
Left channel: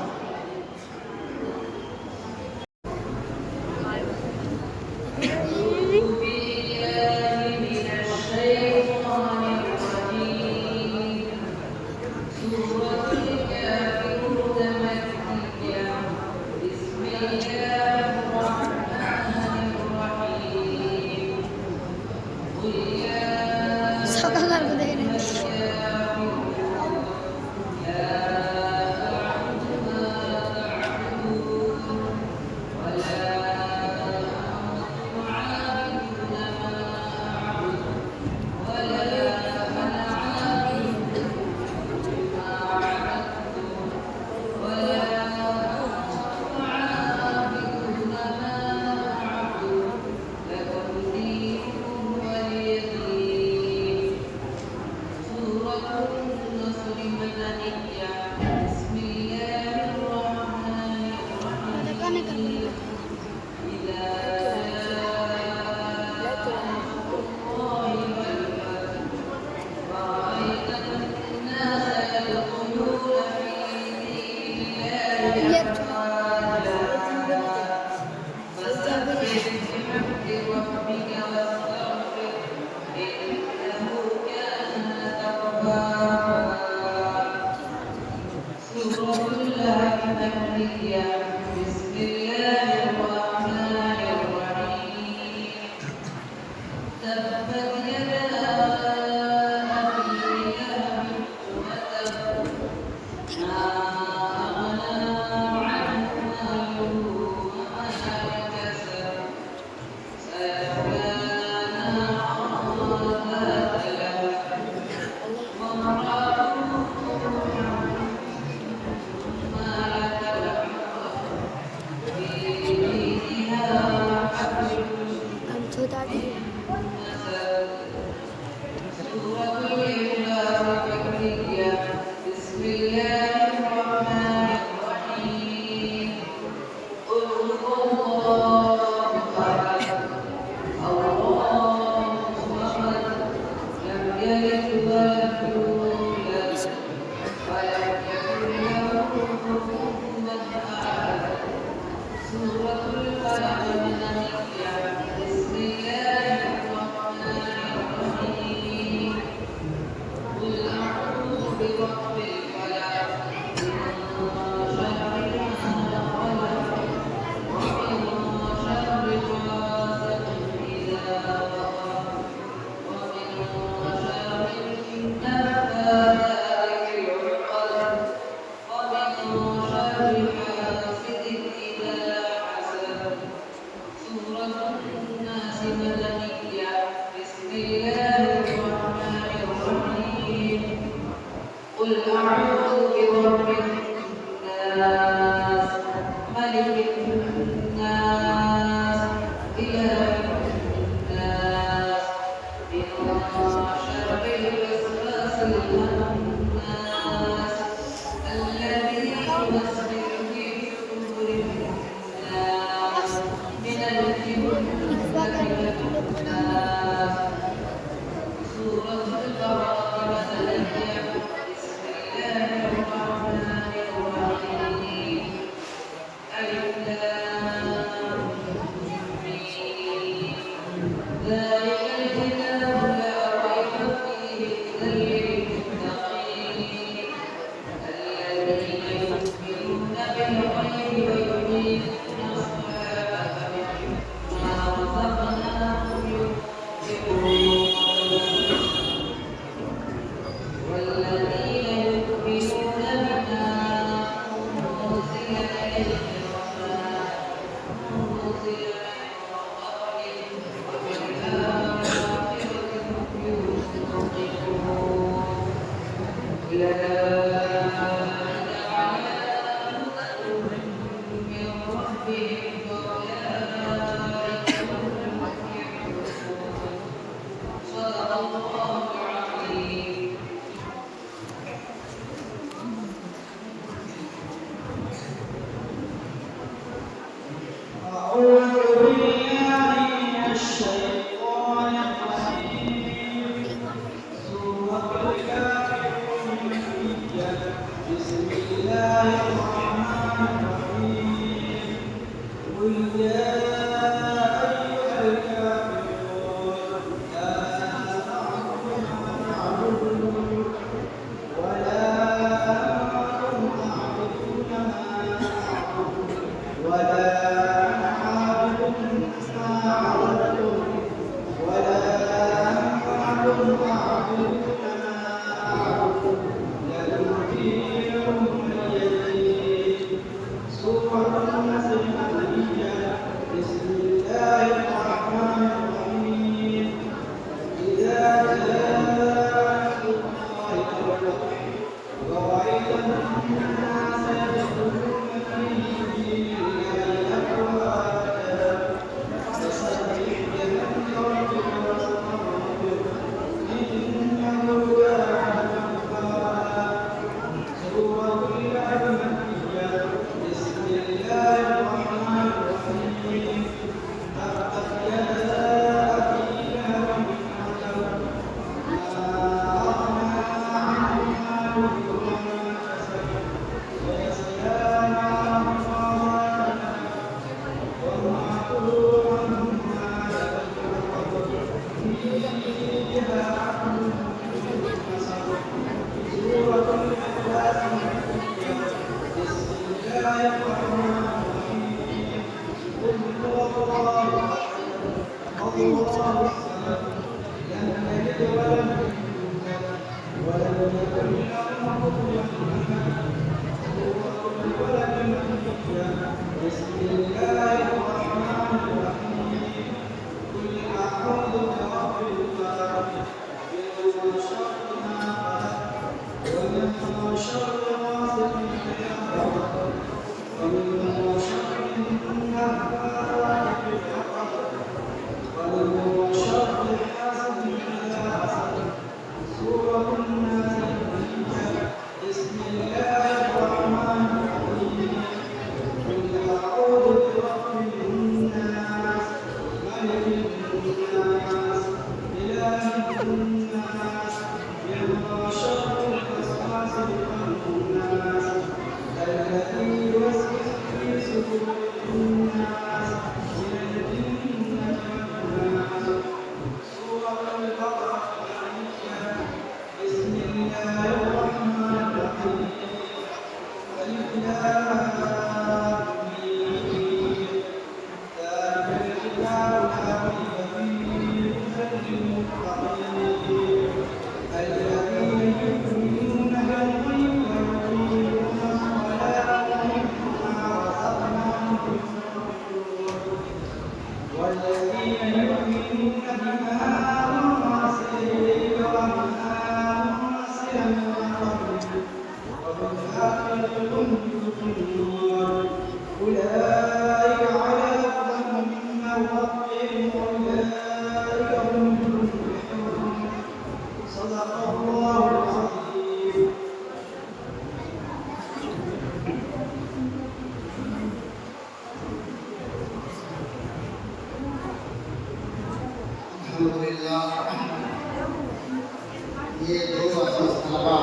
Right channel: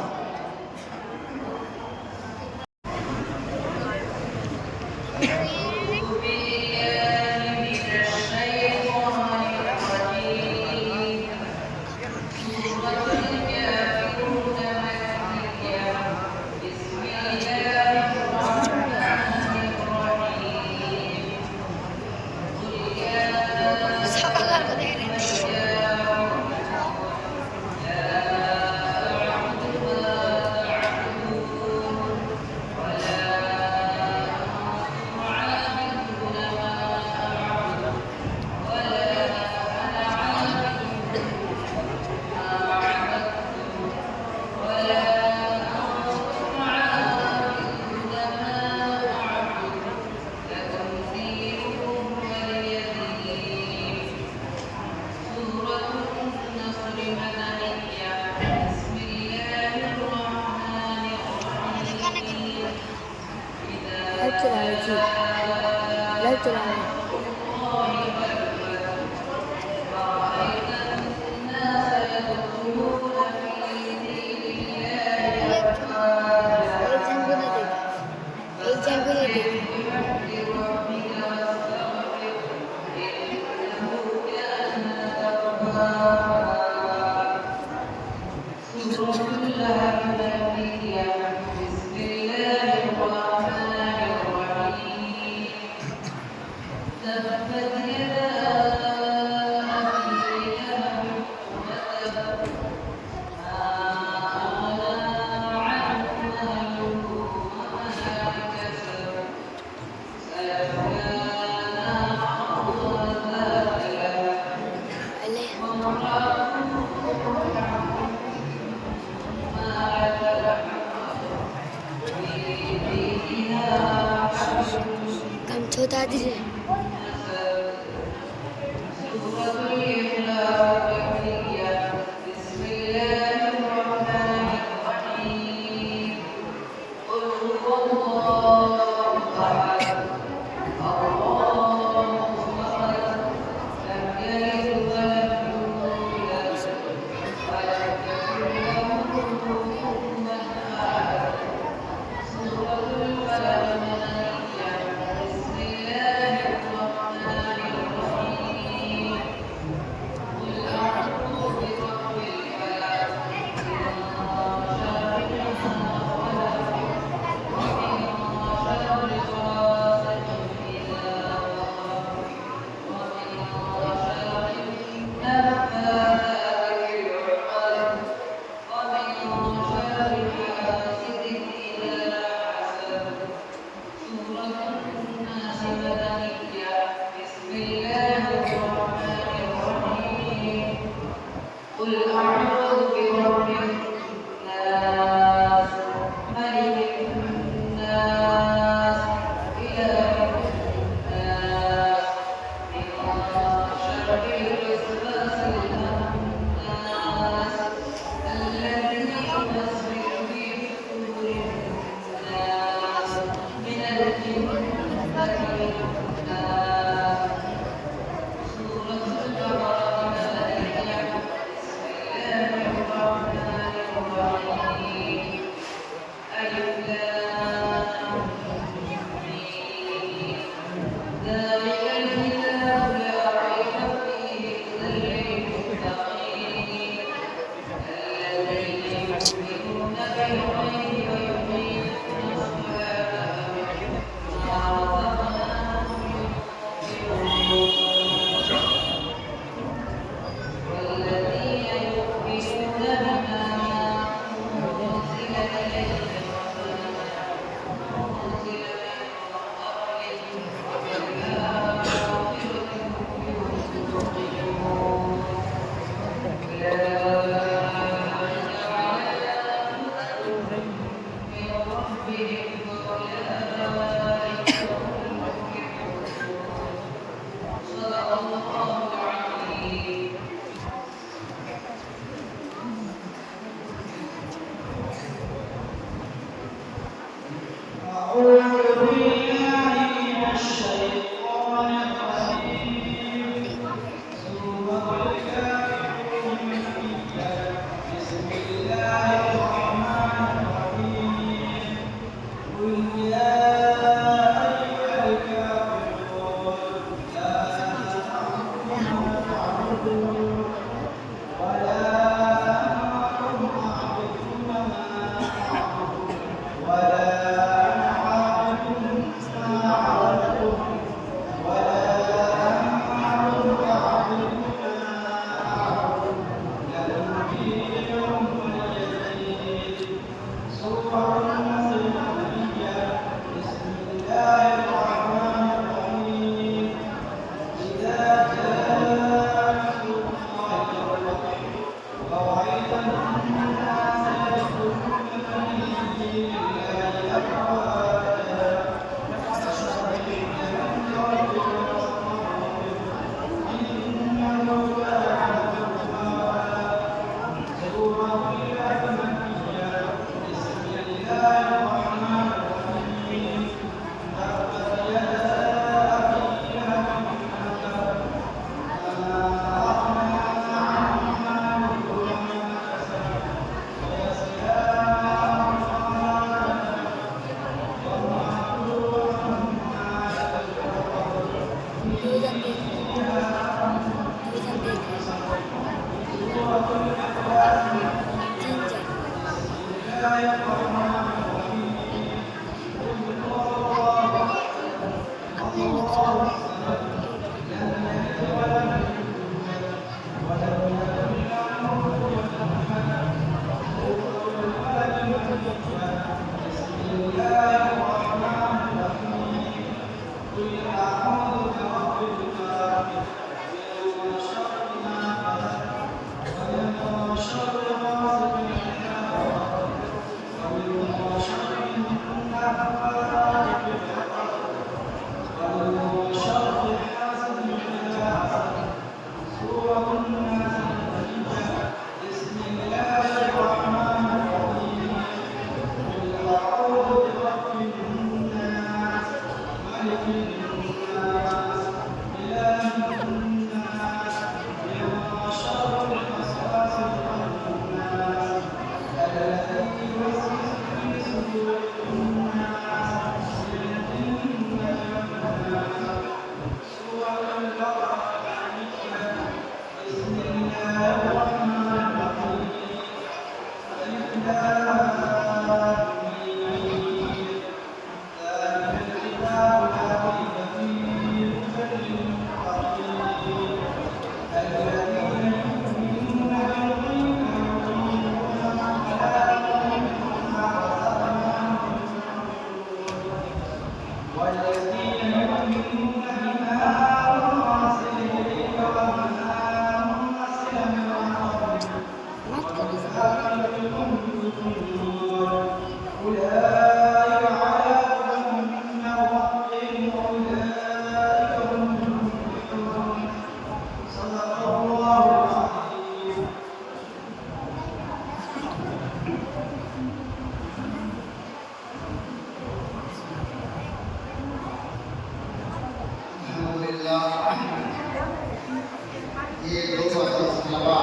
ये दो तलबा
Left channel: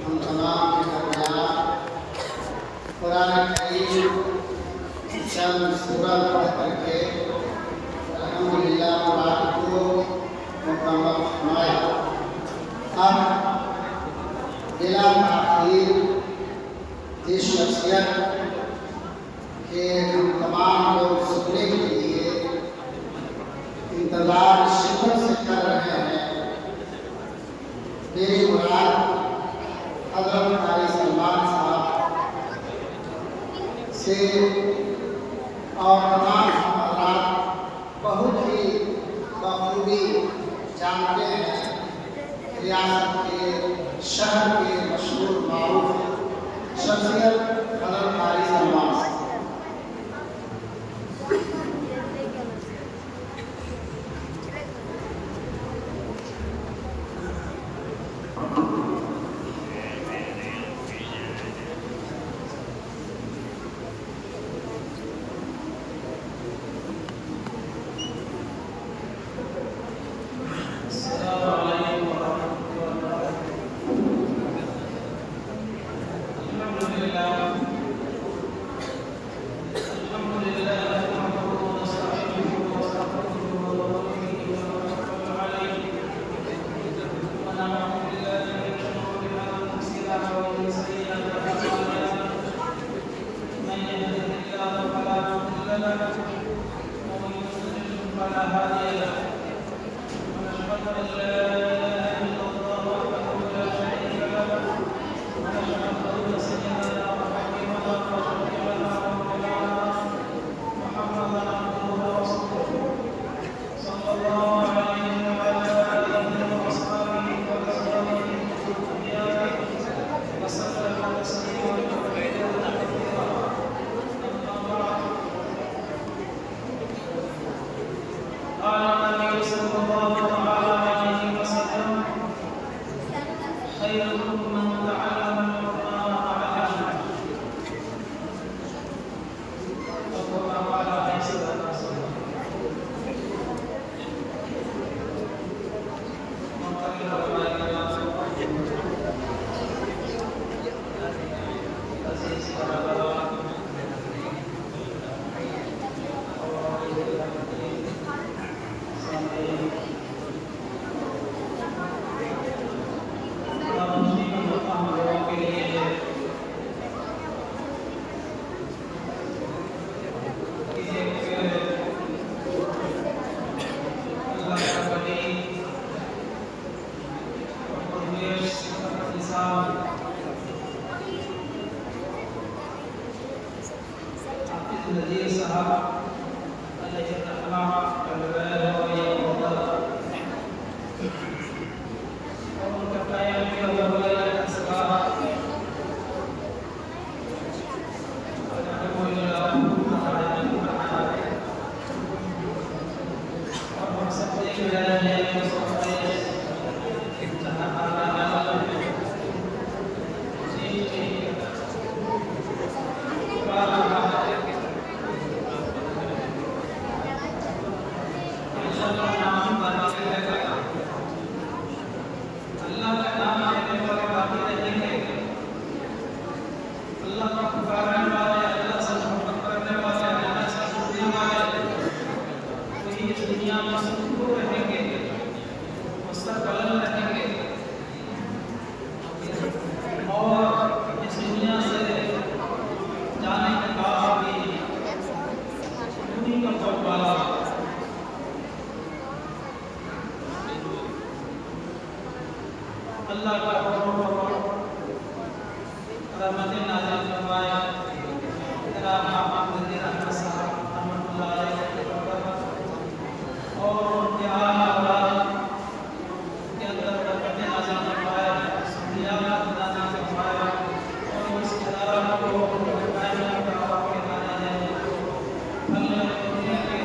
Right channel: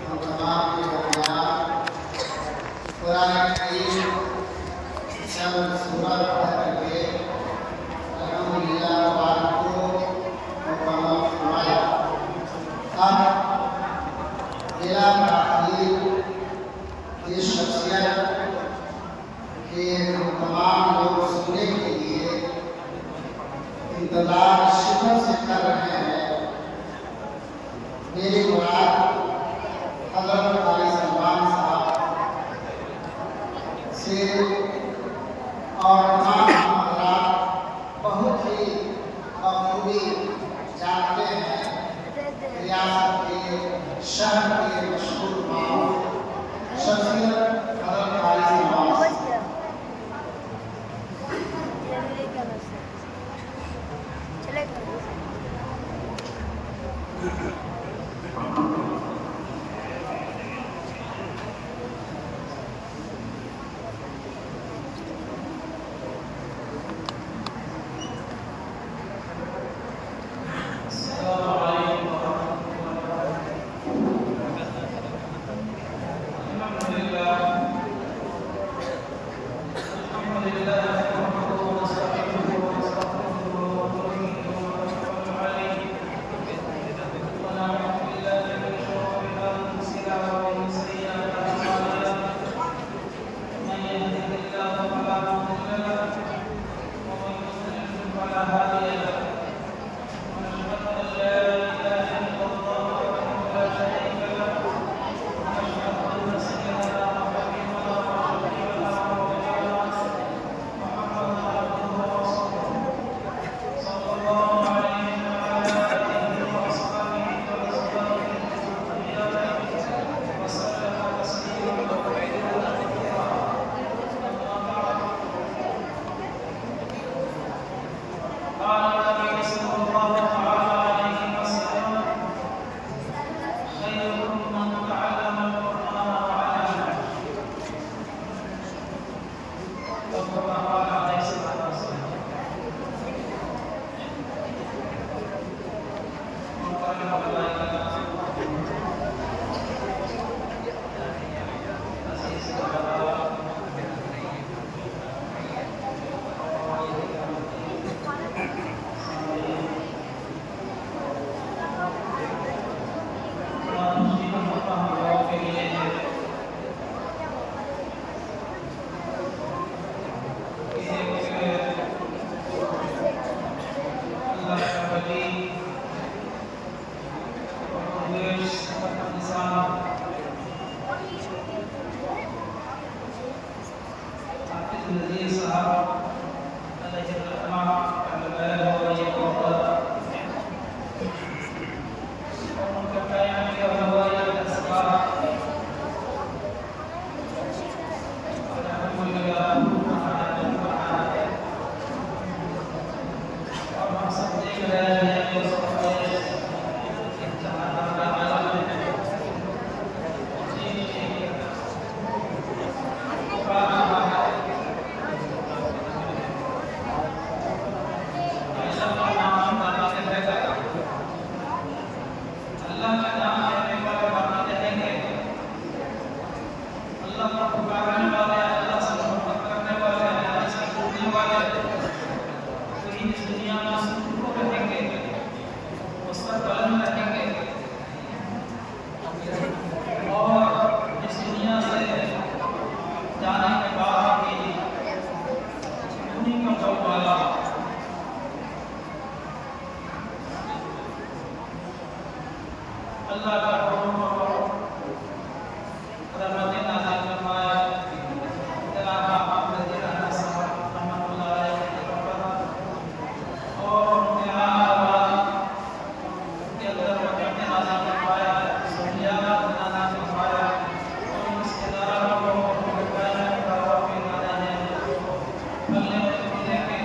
हम तमाम के दरमियान कुरान करीम चंद सूरत पढ़ करके अल्हम्दुलिल्लाह कुरान को मुकम्मल फरमाया। अब जिला ताक़ीद इस शख्सियत के तमाम लोग सुनने के लिए इंतजार शिद्दत से कर रहे हैं। मेरी मुराद हज़रत क़ारी सलमान साहब से और तमाम हज़रात बहुत ही बखूबी जानते हैं रियासत के शहर के मशहूर मारूफ शख्सियत हज़रत क़ारी सलमान साहब। नज़ीर साहब अलैहिर्रहमा का लगाया हुआ ये पौधा और उनका कायम किया हुआ ये दरसगाह और हम सब देख रहे हैं कि अल्लाह का नाम लेने वाले बाकी रहेंगे, अल्लाह को पुकारने वाले, अल्लाह से मोहब्बत करने वाले, अल्लाह से जुड़ने वाले वही इस दुनिया में सुखरू रहेंगे, वो सब कलम रहेंगे और इस दुनिया से जाने के बाद भी उन्हीं का बोलबाला होगा। अल्लाह का रहमतें नाज़िल फरमाए जनाब हाफ़िज़ नज़ीर अहमद साहब रहमतुल्लाह अलैहि के ऊपर और उनके औलाद के अंदर बरकतें नाज़िल फरमाए, सहूलियात नाज़िल फरमाए और उस इदारा को उनके कायम दावत के इदारे हैं फलने और फूलने के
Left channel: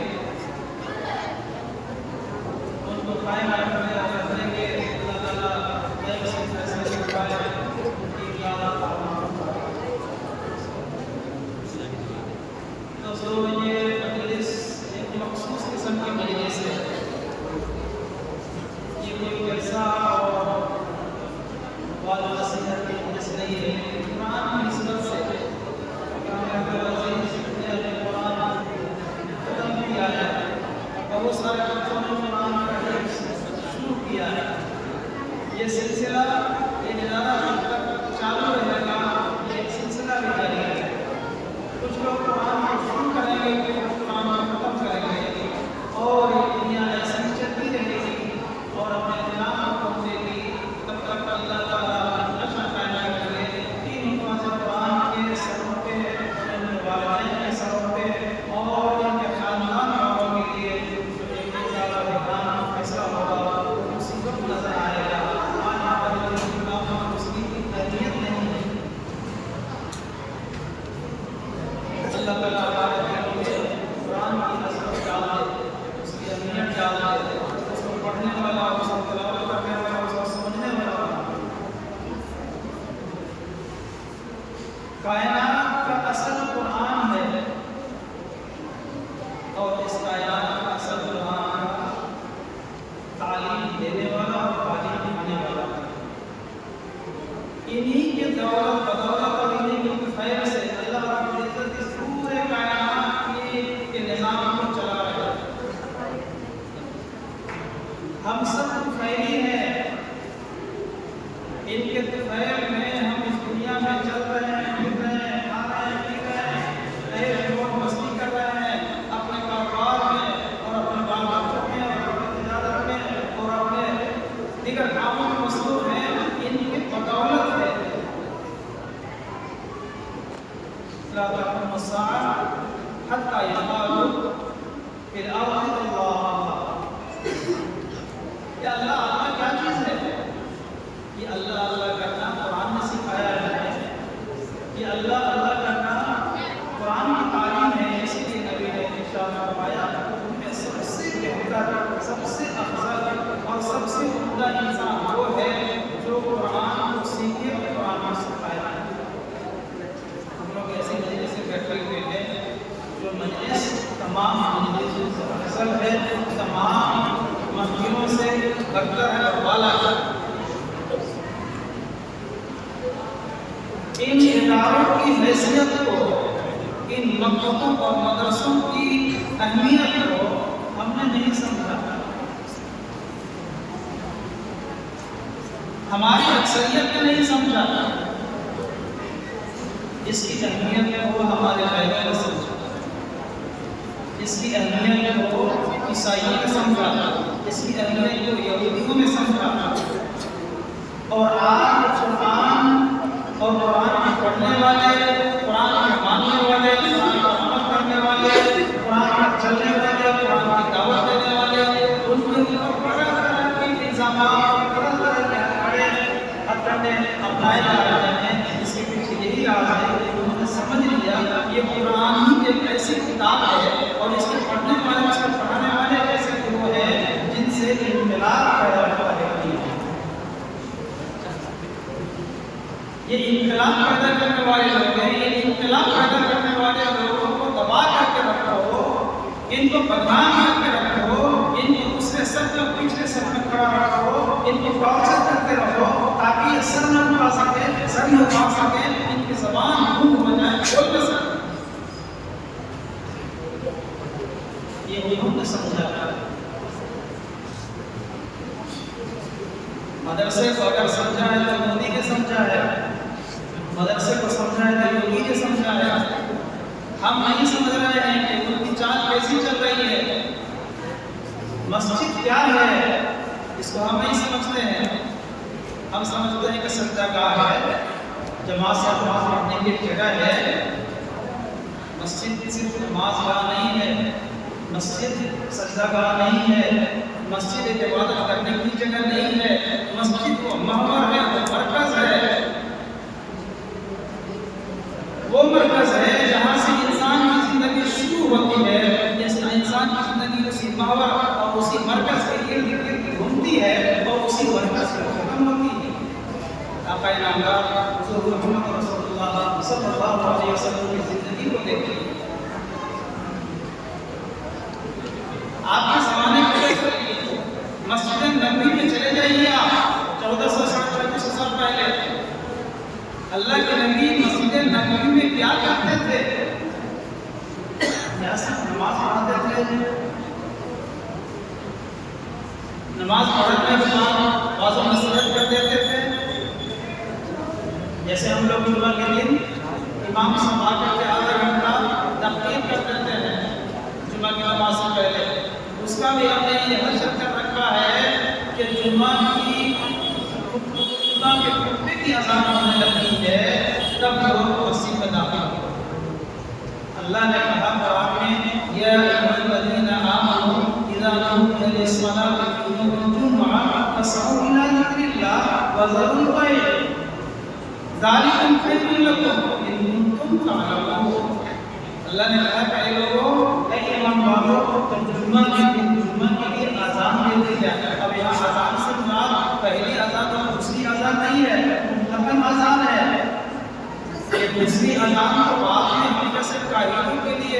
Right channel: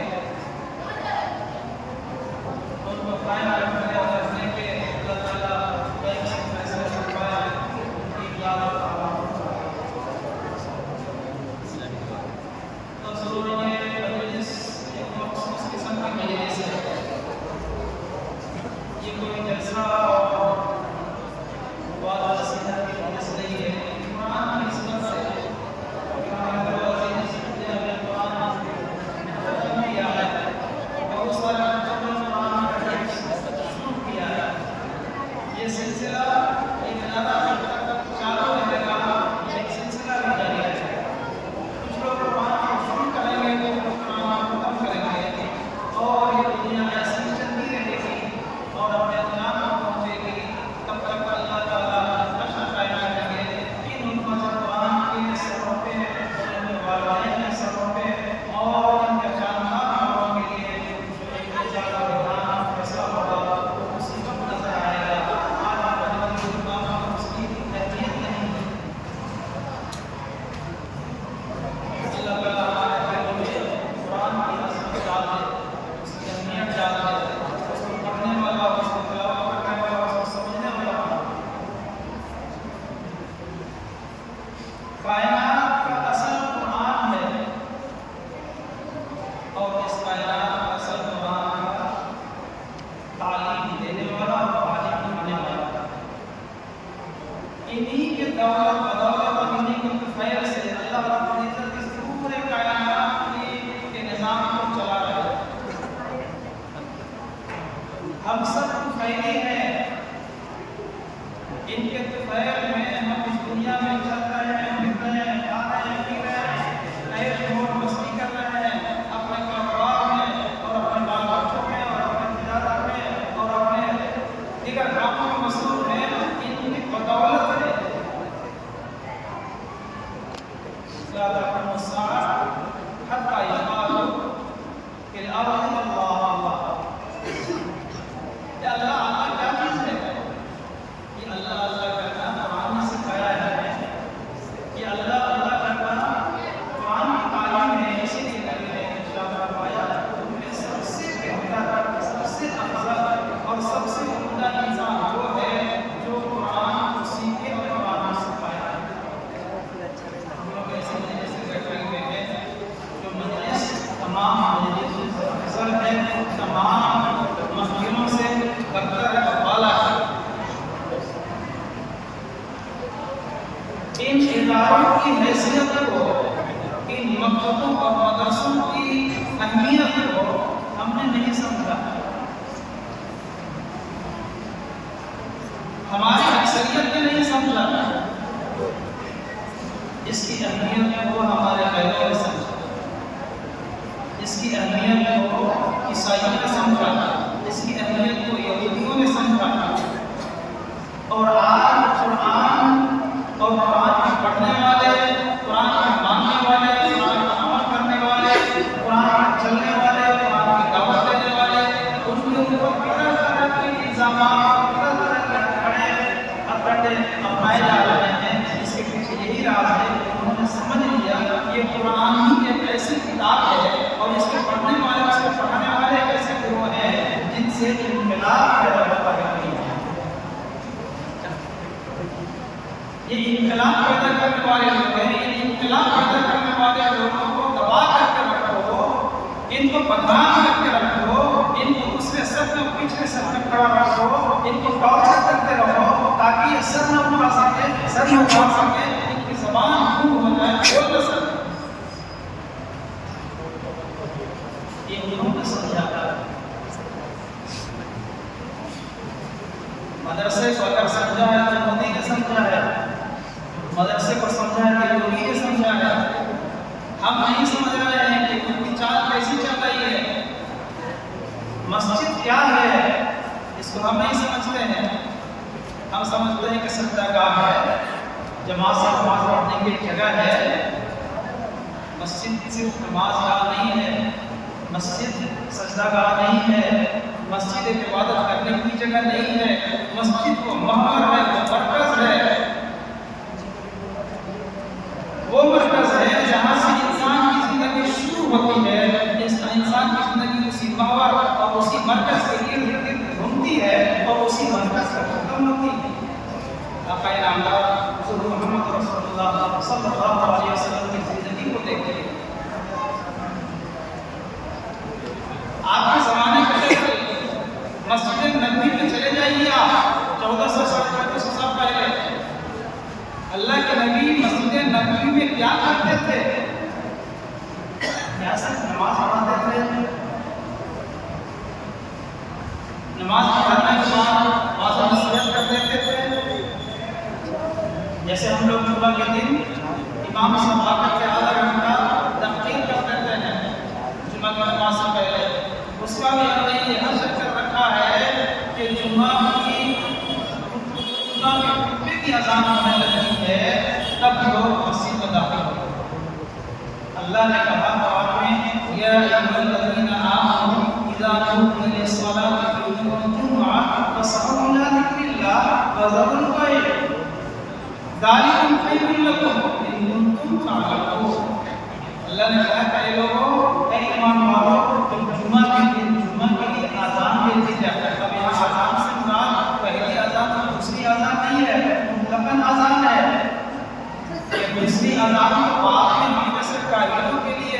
उनको कायम रखने और रखने के अल्लाह ताला से फैसले छुपाए उनकी इजाज़त दोस्तों, ये मजलिस एक मखसूस किस्म की मजलिस है। ये कोई जलसा और वाद नसीहत की मजलिस नहीं है। कुरान की निस्बत से ने अपने कुरान खत्म किया है और बहुत सारे बच्चों ने कुरान पढ़ना शुरू किया है। ये सिलसिला ये निराला जब तक चालू रहेगा, ये एक सिलसिला भी जारी रहेगा। कुछ लोग कुरान को शुरू करेंगे, कुछ लोग कुरान को ख़त्म करेंगे और ये दुनिया ऐसी चलती रहेगी और अपने अंजाम को पहुँचेगी तब तक अल्लाह ताला हश्र कायम करेंगे। इन हिफ़ाज़ कुरान के सरों पे, उनके वालिदैन के सरों पे और इनके ख़ानदान वालों के लिए जो एक एजाज़ और इकराम का फैसला होगा उसी वक्त नज़र आएगा। आज हमारे इमाम उसकी अहमियत नहीं है। अल्लाह ताला हमारे दिलों में कुरान की अज़मत डाल दे, उसकी अहमियत डाल दे, उसको पढ़ने वाला, उसको तिलावत करने वाला, उसको समझने वाला बना। कायनात का असल कुरान है और इस कायनात का असल कुरान का तालीम देने वाला और तालीम दिखाने वाला इन्हीं के दौलत बदौलत और इन्हीं के खैर से अल्लाह रब्बुल इज़्ज़त इस पूरे कायनात की हम सब फैली हैं, इनके फैल में हम इस दुनिया में चल रहे हैं, फिर रहे हैं, खा रहे हैं, पी रहे हैं, ऐश मौज मस्ती कर रहे हैं अपने कारोबार में और अपने बाल बच्चों में और अपने तिजारत में और अपने दीगर कामों में मसरूफ हैं। इनकी बदौलत है ला तक़ूमु अस्साअह हत्ता यक़ालू फिल अर्ज़ि अल्लाह अल्लाह। ये अल्लाह अल्लाह क्या चीज़ है? ये अल्लाह अल्लाह करना कुरान ने सिखाया है हमें। ये अल्लाह अल्लाह करना कुरान की तालीम है। इसीलिए नबी ने इरशाद फरमाया उनमें सबसे बेहतर, सबसे अफजल और सबसे उम्दा इंसान वो है जो कुरान को सीखे और कुरान को सिखाए। हम लोग ऐसी मजलिस से बैठे हुए हैं जो मजलिस तमाम मजलिस से अफजल है, तमाम महफिलों से बरतर है और बाला है। इन इदारों की हैसियत को, इन मकतबों और मदरसों की अहमियत को हमने नहीं समझा। हमारी अक्सरियत ने नहीं समझा। इसकी अहमियत को हमारे गैरों ने समझा, इसकी अहमियत को ईसाइयों ने समझा, इसकी अहमियत को यहूदियों ने समझा। और आज कुरान और कुरान के पढ़ने वाले, कुरान के मानने वाले, कुरान पर अमल करने वाले, कुरान पर चलने वाले, कुरान की दावत देने वाले, उनके ऊपर तरह तरह के इल्ज़ामात, तरह तरह के हथकंडे अपनाए जा रहे हैं। इसके पीछे यही राज है कि उन्होंने समझ लिया ये कुरान ही एक ऐसी किताब है और इसके पढ़ने वाले, इसके पढ़ाने वाले एक ऐसे गुरु हैं जिनसे इन्क़िलाब पैदा होता है। ये इन्क़िलाब पैदा करने वाले लोग हैं। ये इन्क़िलाब पैदा करने वाले लोगों को दबा करके रखो, इनको बदनाम करके रखो, इनको दूसरे सब में पिछले सब में खड़ा रखो, इनको टॉर्चर करते रहो ताकि ये सर न उठा सके, सर न उठा सके, इनकी ज़बान गुम हो जाए, बोल न सके। ये उन्होंने समझा। मदरसे को अगर समझा है तो मोदी ने समझा है, मदरसे को समझा है तो योगी ने समझा है। हम नहीं समझ रहे हैं कि उनकी चाल कैसी चल रही है। मस्जिद क्या है इसको हम नहीं समझते हैं। हम समझते हैं कि सजदागाह है, जमात से नमाज पढ़ने की एक जगह है। मस्जिद सिर्फ नमाज गाह नहीं है, मस्जिद सजदागाह नहीं है, मस्जिद एक इबादत करने की जगह नहीं है। मस्जिद वो महवर है, वो मरकज़ है, वो मरकज़ है जहाँ से इंसान की ज़िंदगी शुरू होती है। इंसान की ज़िंदगी उसी महवर और उसी मरकज़ के इर्द गिर्द घूमती है और उसी मरकज़ पर खत्म होती है। आक़ा नामदार हुज़ूर मोहम्मद रसूलुल्लाह सल्लल्लाहु अलैहि वसल्लम की ज़िंदगी को देखिए। आपके ज़माने में मस्जिद नबवी में चले जाइए आप, 1400-1450 साल पहले अल्लाह के नबी मस्जिद नबवी में क्या करते थे? क्या सिर्फ नमाज पढ़ाते थे? नमाज पढ़ाने के बाद वाज़ो नसीहत कर देते थे। जैसे हम लोग जुम्मा के दिन इमाम साहब आकर के आधा घंटा तक़रीर कर देते हैं जुम्मा की नमाज से पहले। उसका भी हमने ये हशर कर रखा है कि जुम्मा की खुतबा के खुतबे की अज़ान होने लगती है तब लोग मस्जिद में दाखिल होते हैं। अल्लाह ने कहा कुरान में या अय्युहल्लज़ीना आमनू इज़ा नूदिया लिस्सलाति फी यौमिल जुमुअह फस्अू इला ज़िक्रिल्लाह व ज़रुल बैअ ज़ालिकुम खैरुल लकुम इन कुंतुम तअलमून। अल्लाह ने कहा कि लोगों, ऐ ईमान वालों, तुम जुम्मा के दिन जुम्मा के लिए आज़ान दे दी जाए। अब यहाँ आज़ान से मुराद पहली आज़ान और दूसरी आज़ान नहीं है, मुतलक़न आज़ान है। ये दूसरी अज़ान तो बाद में हम जैसे काहिरों के लिए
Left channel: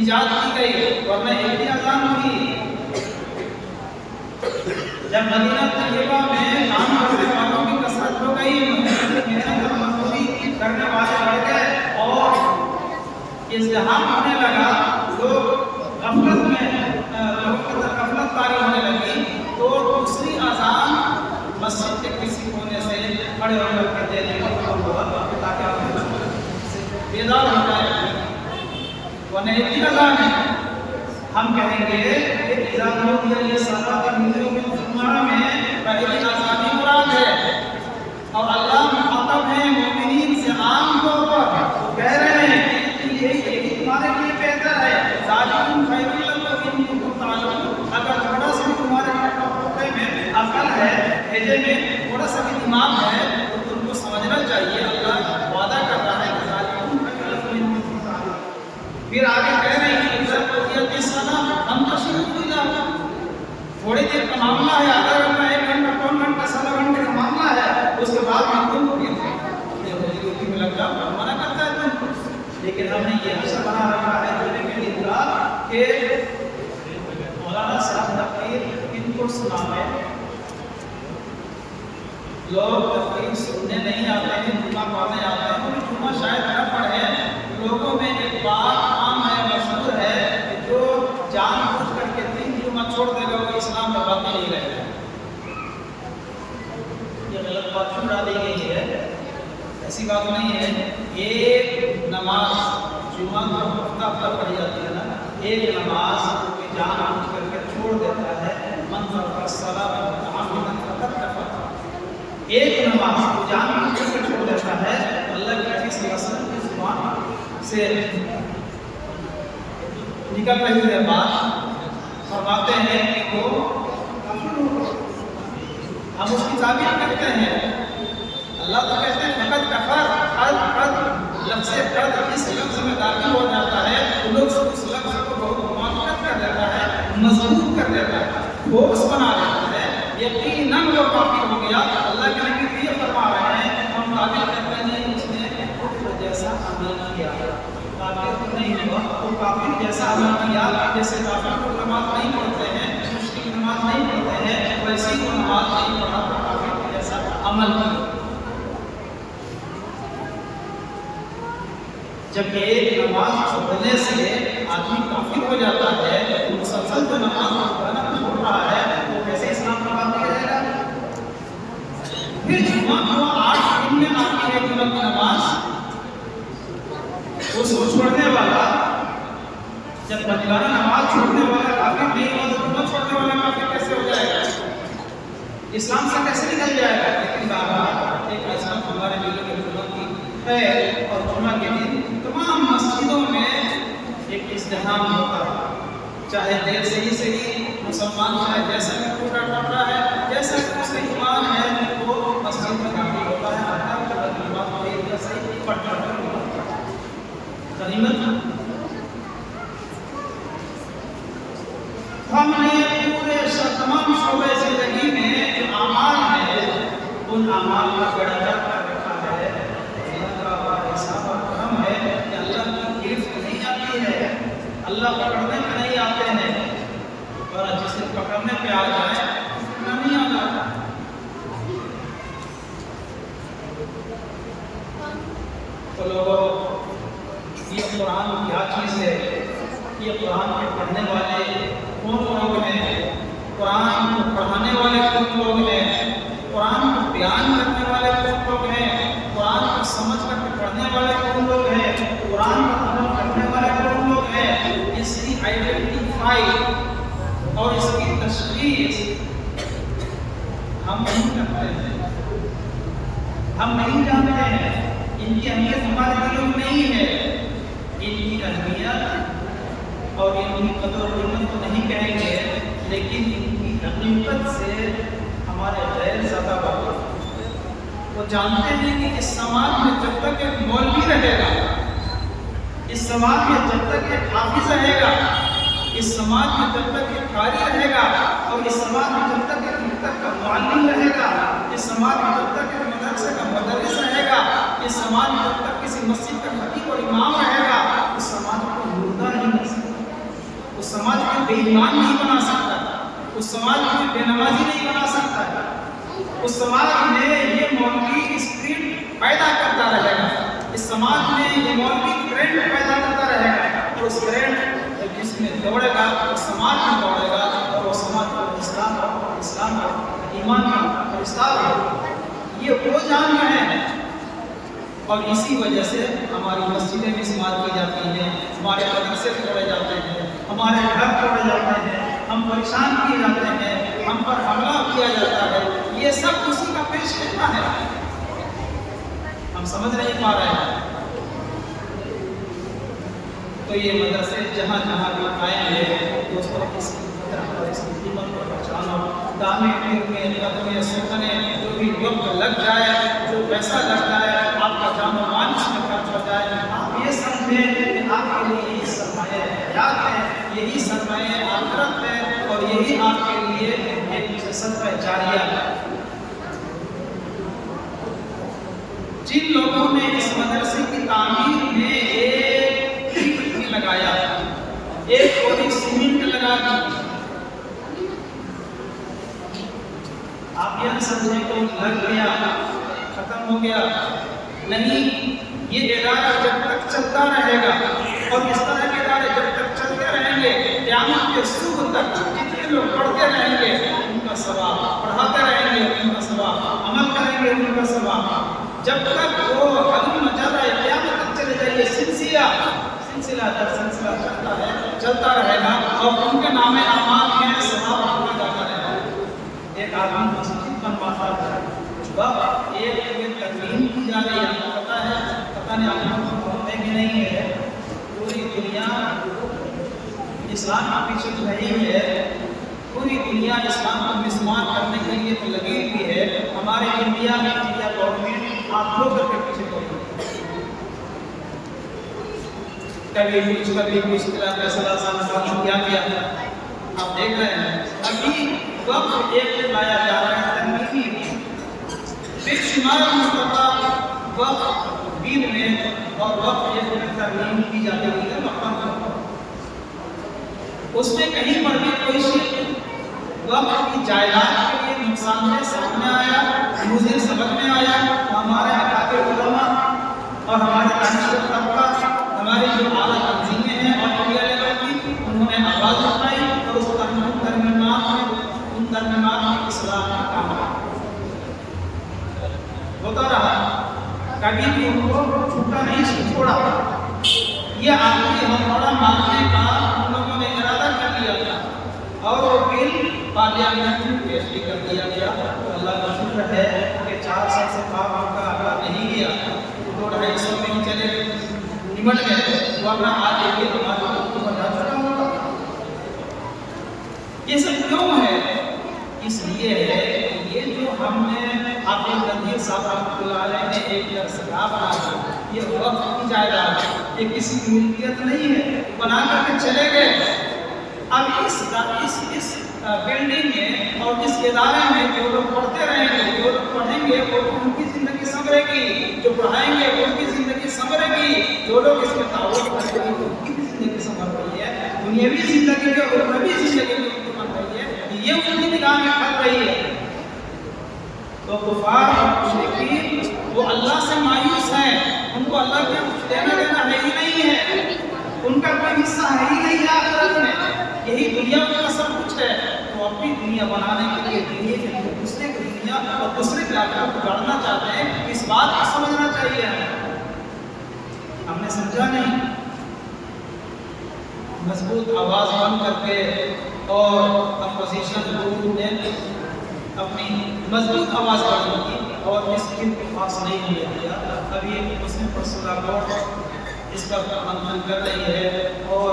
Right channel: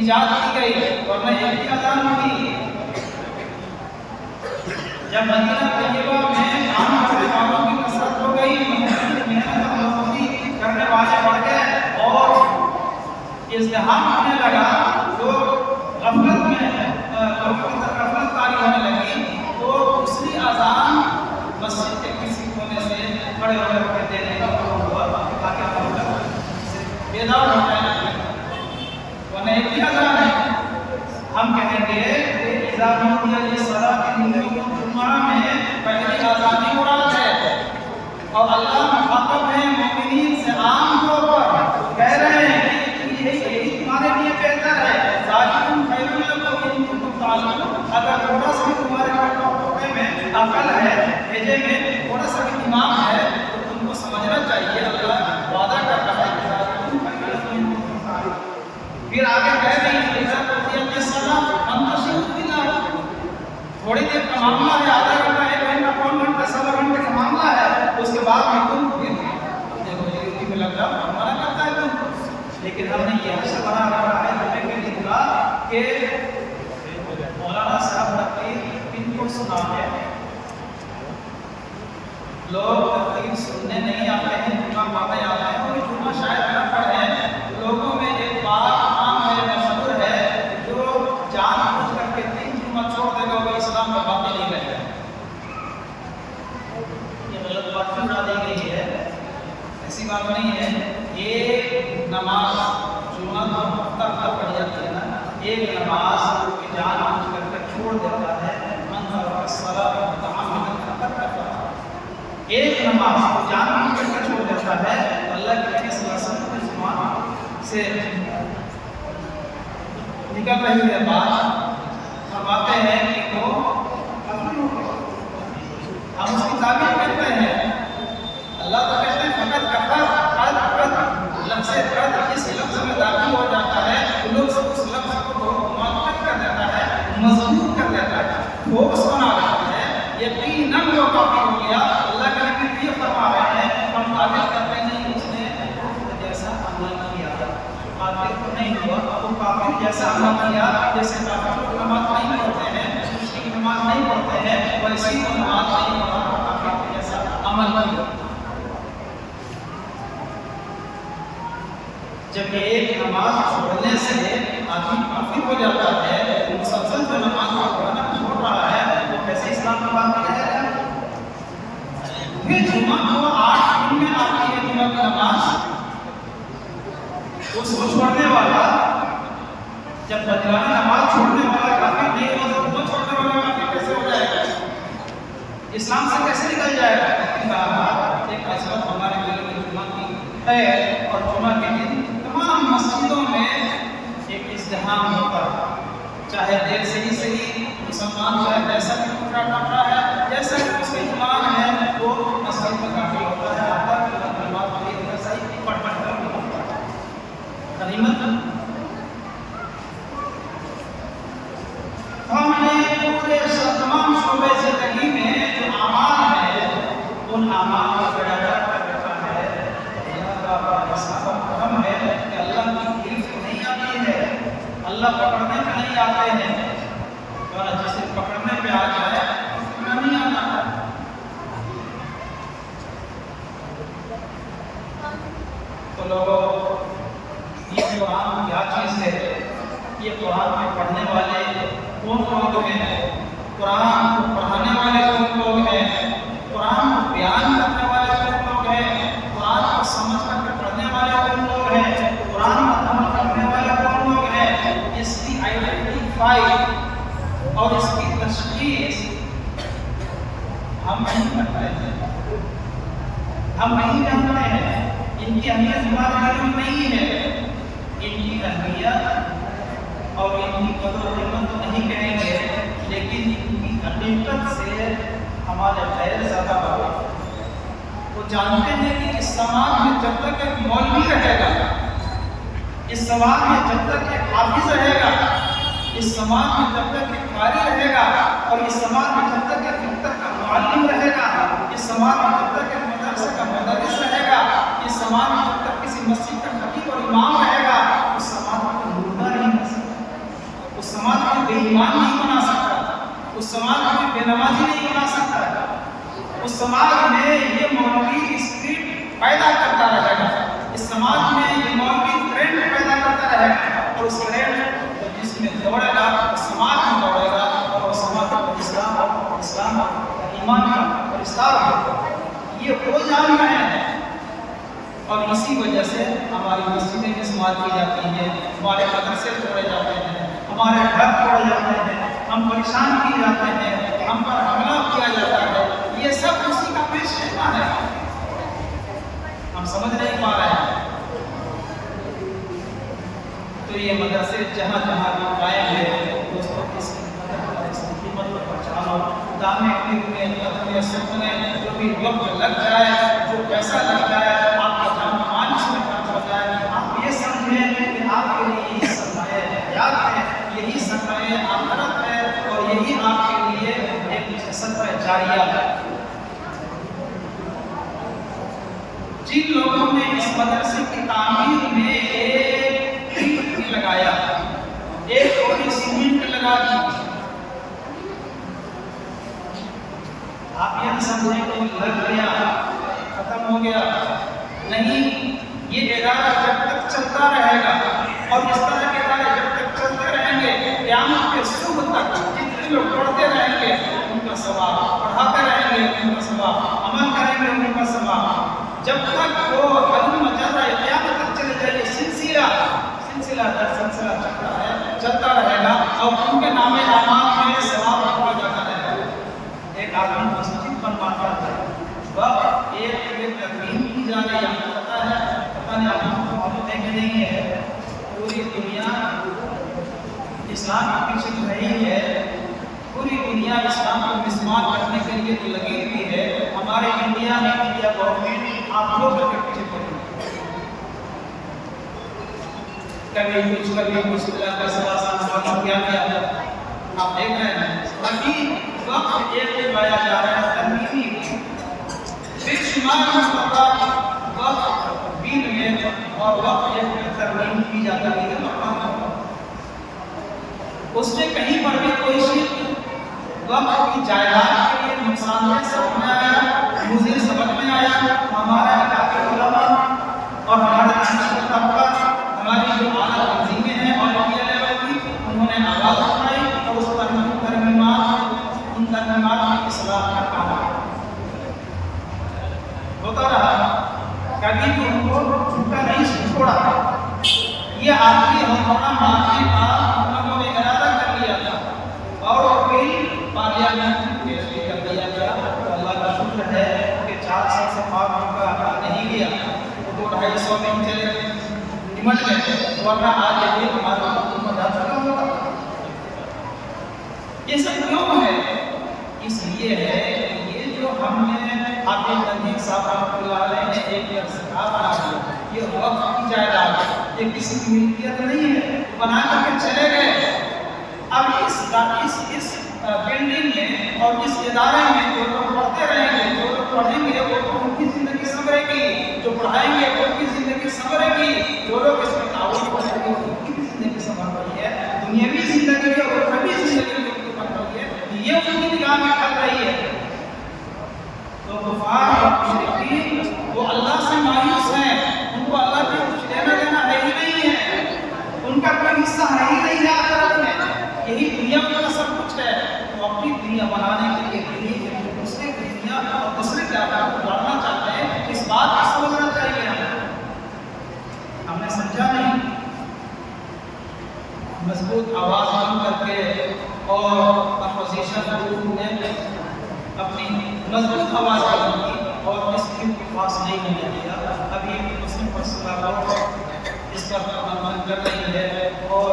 ईजाद की गई, वरना एक ही अज़ान थी। जब मदीना तैयबा में काम करने वालों की कसरत हो गई, मेहनत और मजदूरी करने वाले बढ़ गए और इज़्तिहाम होने लगा, लोग गफलत में, लोगों की तरफ गफलत तारी होने लगी, तो दूसरी अजान मस्जिद के किसी कोने से खड़े होकर के देने का हुक्म हुआ ताकि हम लोग बेदार हो जाए। वरना एक ही अजान है। हम कहेंगे कि जुम्मा में पहली अजान ही मुराद है और अल्लाह मुखातब है मोमिनीन से आम तौर पर कह रहे हैं कि यही तुम्हारे लिए बेहतर है। ज़ालिकुम खैरुल लकुम इन कुंतुम ताअलमून। अगर थोड़ा सा भी तुम्हारे टुकड़े में अकल है, भेजे में थोड़ा सा भी दिमाग है तो तुमको समझना चाहिए अल्लाह वादा कर रहा है कि ज़ालिकुम खैरुल लकुम इन कुंतुम ताअलमून। फिर आगे कह रहे हैं थोड़ी देर का मामला है, आधा घंटा, 1 घंटा, पौन घंटा, सवा घंटे का मामला है, उसके बाद में तुम फिर अपने रोजी में लग जाओ, मना करता है तुमको। लेकिन हमने ये हशर बना रखा है जुमे के दिन का कि मौलाना साहब तकरीर किनको सुनाते हैं। लोग तकरीर सुनने नहीं आते हैं, जुमा पढ़ने आते हैं। क्योंकि जुमा शायद न पढ़े। लोगों में एक बात आम है, मशहूर है, जो जानबूझ करके 3 जुमा छोड़ देगा वो इस्लाम में बाकी नहीं रहेगा। ये गलत बात क्यों डाली गई है? ऐसी बात नहीं है। एक नमाज जुमा तो हफ्ता हफ्ता पढ़ी जाती है ना, एक नमाज कोई जानबूझ करके छोड़ देता है, मन एक नमाज को जानबूझ करके छोड़ देता है, अल्लाह के नबी सल्लल्लाहु अलैहि वसल्लम की जुबान से निकल रही है बात, फरमाते हैं कि वो हम उसकी ताबीर करते हैं। अल्लाह तो कहते हैं फकत कफर लफ्ज़ कद इस लफ्ज़ में दाखिल हो जाता है तो लोग उस लफ्ज़ को बहुत मुआक्कद कर देता है, मजबूत कर देता है, ठोस बना देता है। यकीनन वो काफिर हो गया। अल्लाह के नबी ये फरमा रहे हैं, हम ताबीर करते नहीं उसने कुफ्र जैसा अमल किया। काफिर तो नहीं हुआ, वो काफिर जैसा अमल किया। जैसे काफिर लोग नमाज नहीं पढ़ते हैं, मुश्किल नमाज नहीं पढ़ते हैं, वैसे ही वो नमाज नहीं पढ़ा था, काफिर जैसा अमल किया। जब एक नमाज छोड़ने से आदमी काफिर हो जाता है, तो मुसलसल जो नमाज पढ़ना छोड़ रहा है तो कैसे इस्लाम की बात रहेगा? फिर जुमा को 8 दिन में आती है जुमा की नमाज, उसको छोड़ने वाला जब बजलाना नमाज छोड़ने वाला काफिर नहीं हुआ तो जुमा छोड़ने वाला काफिर कैसे हो जाएगा? इस्लाम से कैसे निकल जाएगा? लेकिन एक ऐसा हमारे दिलों में जुमा की है और जुमा के दिन तमाम मस्जिदों में एक इज़्तिहाम होता है। चाहे देर से ही सही, मुसलमान चाहे जैसा भी टूटा टपरा है, जैसा भी उसका ईमान है, वो मस्जिद में दाखिल होता है, आता है, अल्लाह की बात देर का सही पढ़ कर निकलता है। गनीमत हमने पूरे तमाम शोबे ज़िंदगी में जो आमाल है, उन आमाल का बेड़ा गर्क कर रखा है। अल्लाह का हिसाब और करम है कि अल्लाह की गिरफ्त नहीं आती है, अल्लाह पकड़ने पे नहीं आते हैं, और जिसे पकड़ने पे आ जाए उसको नहीं आता। तो लोगों, ये कुरान क्या चीज़ है? ये कुरान के पढ़ने वाले कौन लोग हैं? कुरान को पढ़ाने वाले कौन लोग हैं? कुरान को बयान करने वाले कौन लोग हैं? कुरान को समझ करके पढ़ने वाले कौन लोग हैं? कुरान पर अमल करने वाले कौन लोग हैं? इसकी आइडेंटिफाई और इसकी तशखीस हम नहीं करते हैं, हम नहीं जानते हैं। इनकी अहमियत हमारे दिलों में नहीं है। इनकी अहमियत और इनकी कदर और कीमत तो नहीं कहेंगे, लेकिन इनकी हकीकत से हमारे गैर ज़्यादा वाकिफ़। वो जानते हैं कि इस समाज में जब तक एक मौलवी रहेगा, इस समाज में जब तक एक हाफिज रहेगा, इस समाज में जब तक एक कारी रहेगा, और इस समाज में जब तक एक मकतब का मुअल्लिम रहेगा, इस समाज में जब तक एक मदरसे का मुदर्रिस रहेगा, इस समाज में जब तक किसी मस्जिद का खतीब और इमाम रहेगा, उस समाज को मुर्दा नहीं कर सकता, उस समाज को बेईमान नहीं बना सकता, उस समाज में बेनमाजी नहीं बना सकता है। उस समाज में ये मौलवी स्पिरिट पैदा करता रहेगा, इस समाज में ये मौलवी करंट पैदा करता रहेगा, और उस करंट जिसमें दौड़ेगा वो समाज में दौड़ेगा, और वो समाज को इस्लाम इस्लाम का, ईमान का विस्तार हो, ये वो जान रहे हैं। और इसी वजह से हमारी मस्जिदें भी इस्तेमाल की जाती हैं, हमारे मदरसे तोड़े जाते हैं, हमारे घर तोड़े जाते हैं, हम परेशान किए जाते हैं, हम पर हमला किया जाता है। ये सब उसी का पेश खिदमा है, हम समझ नहीं पा रहे हैं। तो ये मदरसे जहाँ जहाँ भी कायम है दोस्तों, इसकी कदर करो, इसकी कीमत को पहचानो। दामे में कदम सुनने जो भी वक्त लग जाए, जो पैसा लग जाए, आपका जान मान इसमें खर्च हो जाए, आप ये समझें कि आपके लिए यही सरमाए हयात है, यही सरमाए आखिरत है, और यही आपके लिए एक सदका जारिया है। जिन लोगों ने इस मदरसे की तामीर में एक ईंट लगाया, एक थोड़ी सीमेंट लगा दी, आप यह समझें तो लग गया, खत्म हो गया, नहीं। ये इदारा जब तक चलता रहेगा, और इस तरह के इदारे जब तक चलते रहेंगे, क़यामत के सुबह तक जितने लोग पढ़ते रहेंगे उनका सवाब, पढ़ाते रहेंगे उनका सवाब, अमल करेंगे उनका सवाब, जब तक वो हलूम मजादा क़यामत तक चले जाइए, सिलसिला दर सिलसिला चलता रहेगा, और उनके नामे आमाल में सवाब लिखा जाता रहेगा। एक आदमी मस्जिद बनवाता है, वह एक तरमीम की जा रही है, आपको पता है, पता नहीं आपको मालूम है कि नहीं है, पूरी दुनिया इस्लाम के पीछे तो रही है, पूरी दुनिया इस्लाम को मिसमार करने के लिए तो लगी हुई है। हमारे इंडिया में इंडिया गवर्नमेंट आप लोग के पीछे पड़ी, कभी कुछ क्या किया आप देख रहे हैं। अभी वक्त एक लाया जा रहा है तनवीनी, बेशुमार मुस्तफा वक्त दीन में, और वक्त एक में तरमीम की जाती है मक्का, उसमें कहीं पर भी कोई शिर्क वक्त की जायदाद के लिए नुकसानदेह सामने आया, मुझे समझ में आया, तो हमारे अकाके उलमा और हमारे दानिशवर तबका, हमारी जो आला तंजीमें हैं और इंडिया लेवल की, उन्होंने आवाज़ उठाई और उस उन तरमीमात की इस्लाह का काम होता रहा, कभी भी उनको झूठा नहीं छोड़ा। ये आखिरी हथौड़ा मारने का उन लोगों ने इरादा कर लिया था, और वो बिल पार्लियामेंट में पेश भी कर दिया गया। तो अल्लाह का शुक्र है कि 4 साल से पार उनका आंकड़ा नहीं गया, तो 200-250 में ही चले निमट गए, वरना आज ये बिल हमारे हुकूमत जा चुका होता। ये सब क्यों है? इसलिए है कि ये जो हमने हाफिज नदीर साहब रहमतुल्लाह अलैह ने एक दरसगाह बना दिया, ये वक्त की जायदाद है, ये किसी की मिल्कियत नहीं है, बना करके चले गए। अब इस बिल्डिंग में और इस इदारे में जो लोग पढ़ते रहेंगे, जो लोग पढ़ेंगे वो उनकी ज़िंदगी संवरेगी, जो पढ़ाएंगे उनकी ज़िंदगी संवरेगी, जो लोग इसमें ताउन करेंगे उनकी भी ज़िंदगी संवर रही है, दुनियावी ज़िंदगी और उखरवी ज़िंदगी जो उनकी बन रही है, ये उनकी निगाह में खल रही है। तो कुफार और मुशरिकीन वो अल्लाह से मायूस हैं, उनको अल्लाह के कुछ लेना देना है ही नहीं है, उनका कोई हिस्सा है ही नहीं है आखिरत में, यही दुनिया उनका सब कुछ है। तो अपनी दुनिया बनाने के लिए दुनिया के दूसरे की दुनिया और दूसरे के आखिरत को जानना चाहते हैं, इस बात को समझना चाहिए हमें। हमने समझा नहीं, मजबूत आवाज़ बंद करके और अपोजिशन ग्रुप ने अपनी मजबूत आवाज़ बंद की और इस बिल को पास नहीं होने दिया। अभी मुस्लिम पर्सनल बोर्ड इस पर मंथन कर रही है, और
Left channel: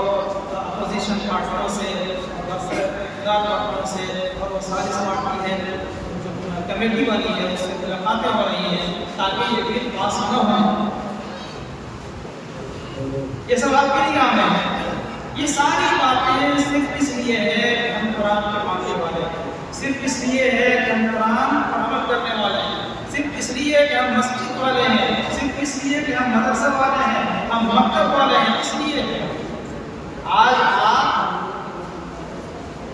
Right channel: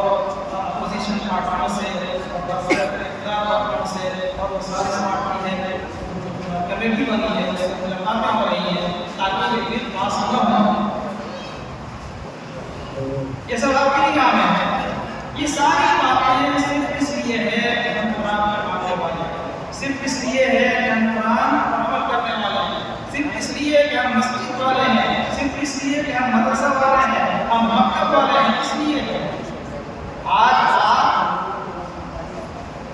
अपोजिशन पार्टियों से और इक़्तिदार पार्टियों से और वो सारी पार्टी है जो कमेटी बनी है उससे मुलाकातें हो रही हैं ताकि ये बिल पास न हो। ये सब आपके लिए काम है। ये सारी बातें सिर्फ इसलिए है कि हम कुरान के मानने वाले हैं, सिर्फ इसलिए है कि हम कुरान पर अमल करने वाले हैं, सिर्फ इसलिए कि हम मस्जिद वाले हैं, सिर्फ इसलिए कि हम मदरसा वाले हैं, हम मकतब वाले हैं। इसलिए आज आप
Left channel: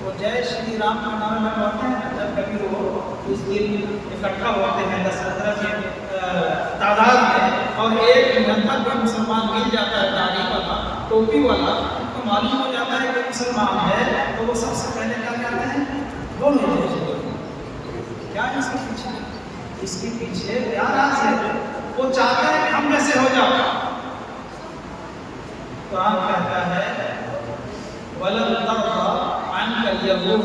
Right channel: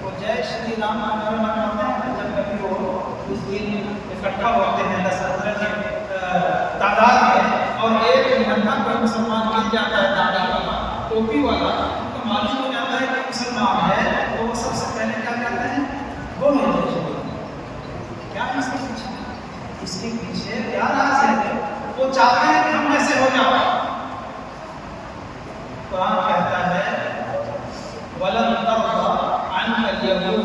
वो जय श्री राम का नारा लगाते हैं, जब कभी वो उस दिन इकट्ठा होते हैं 10-15 के तादाद में, और एक नंबर कोई मुसलमान मिल जाता है दाढ़ी वाला, टोपी वाला, तो मालूम हो जाता है कि मुसलमान है, तो वो सबसे पहले क्या कहते हैं, वो क्या है इसके पीछे? इसके पीछे क्या राज है? वो चाहते हैं कि हम जैसे हो जाओ। कुरान कहता है वलन तर्दा अनकल यहूद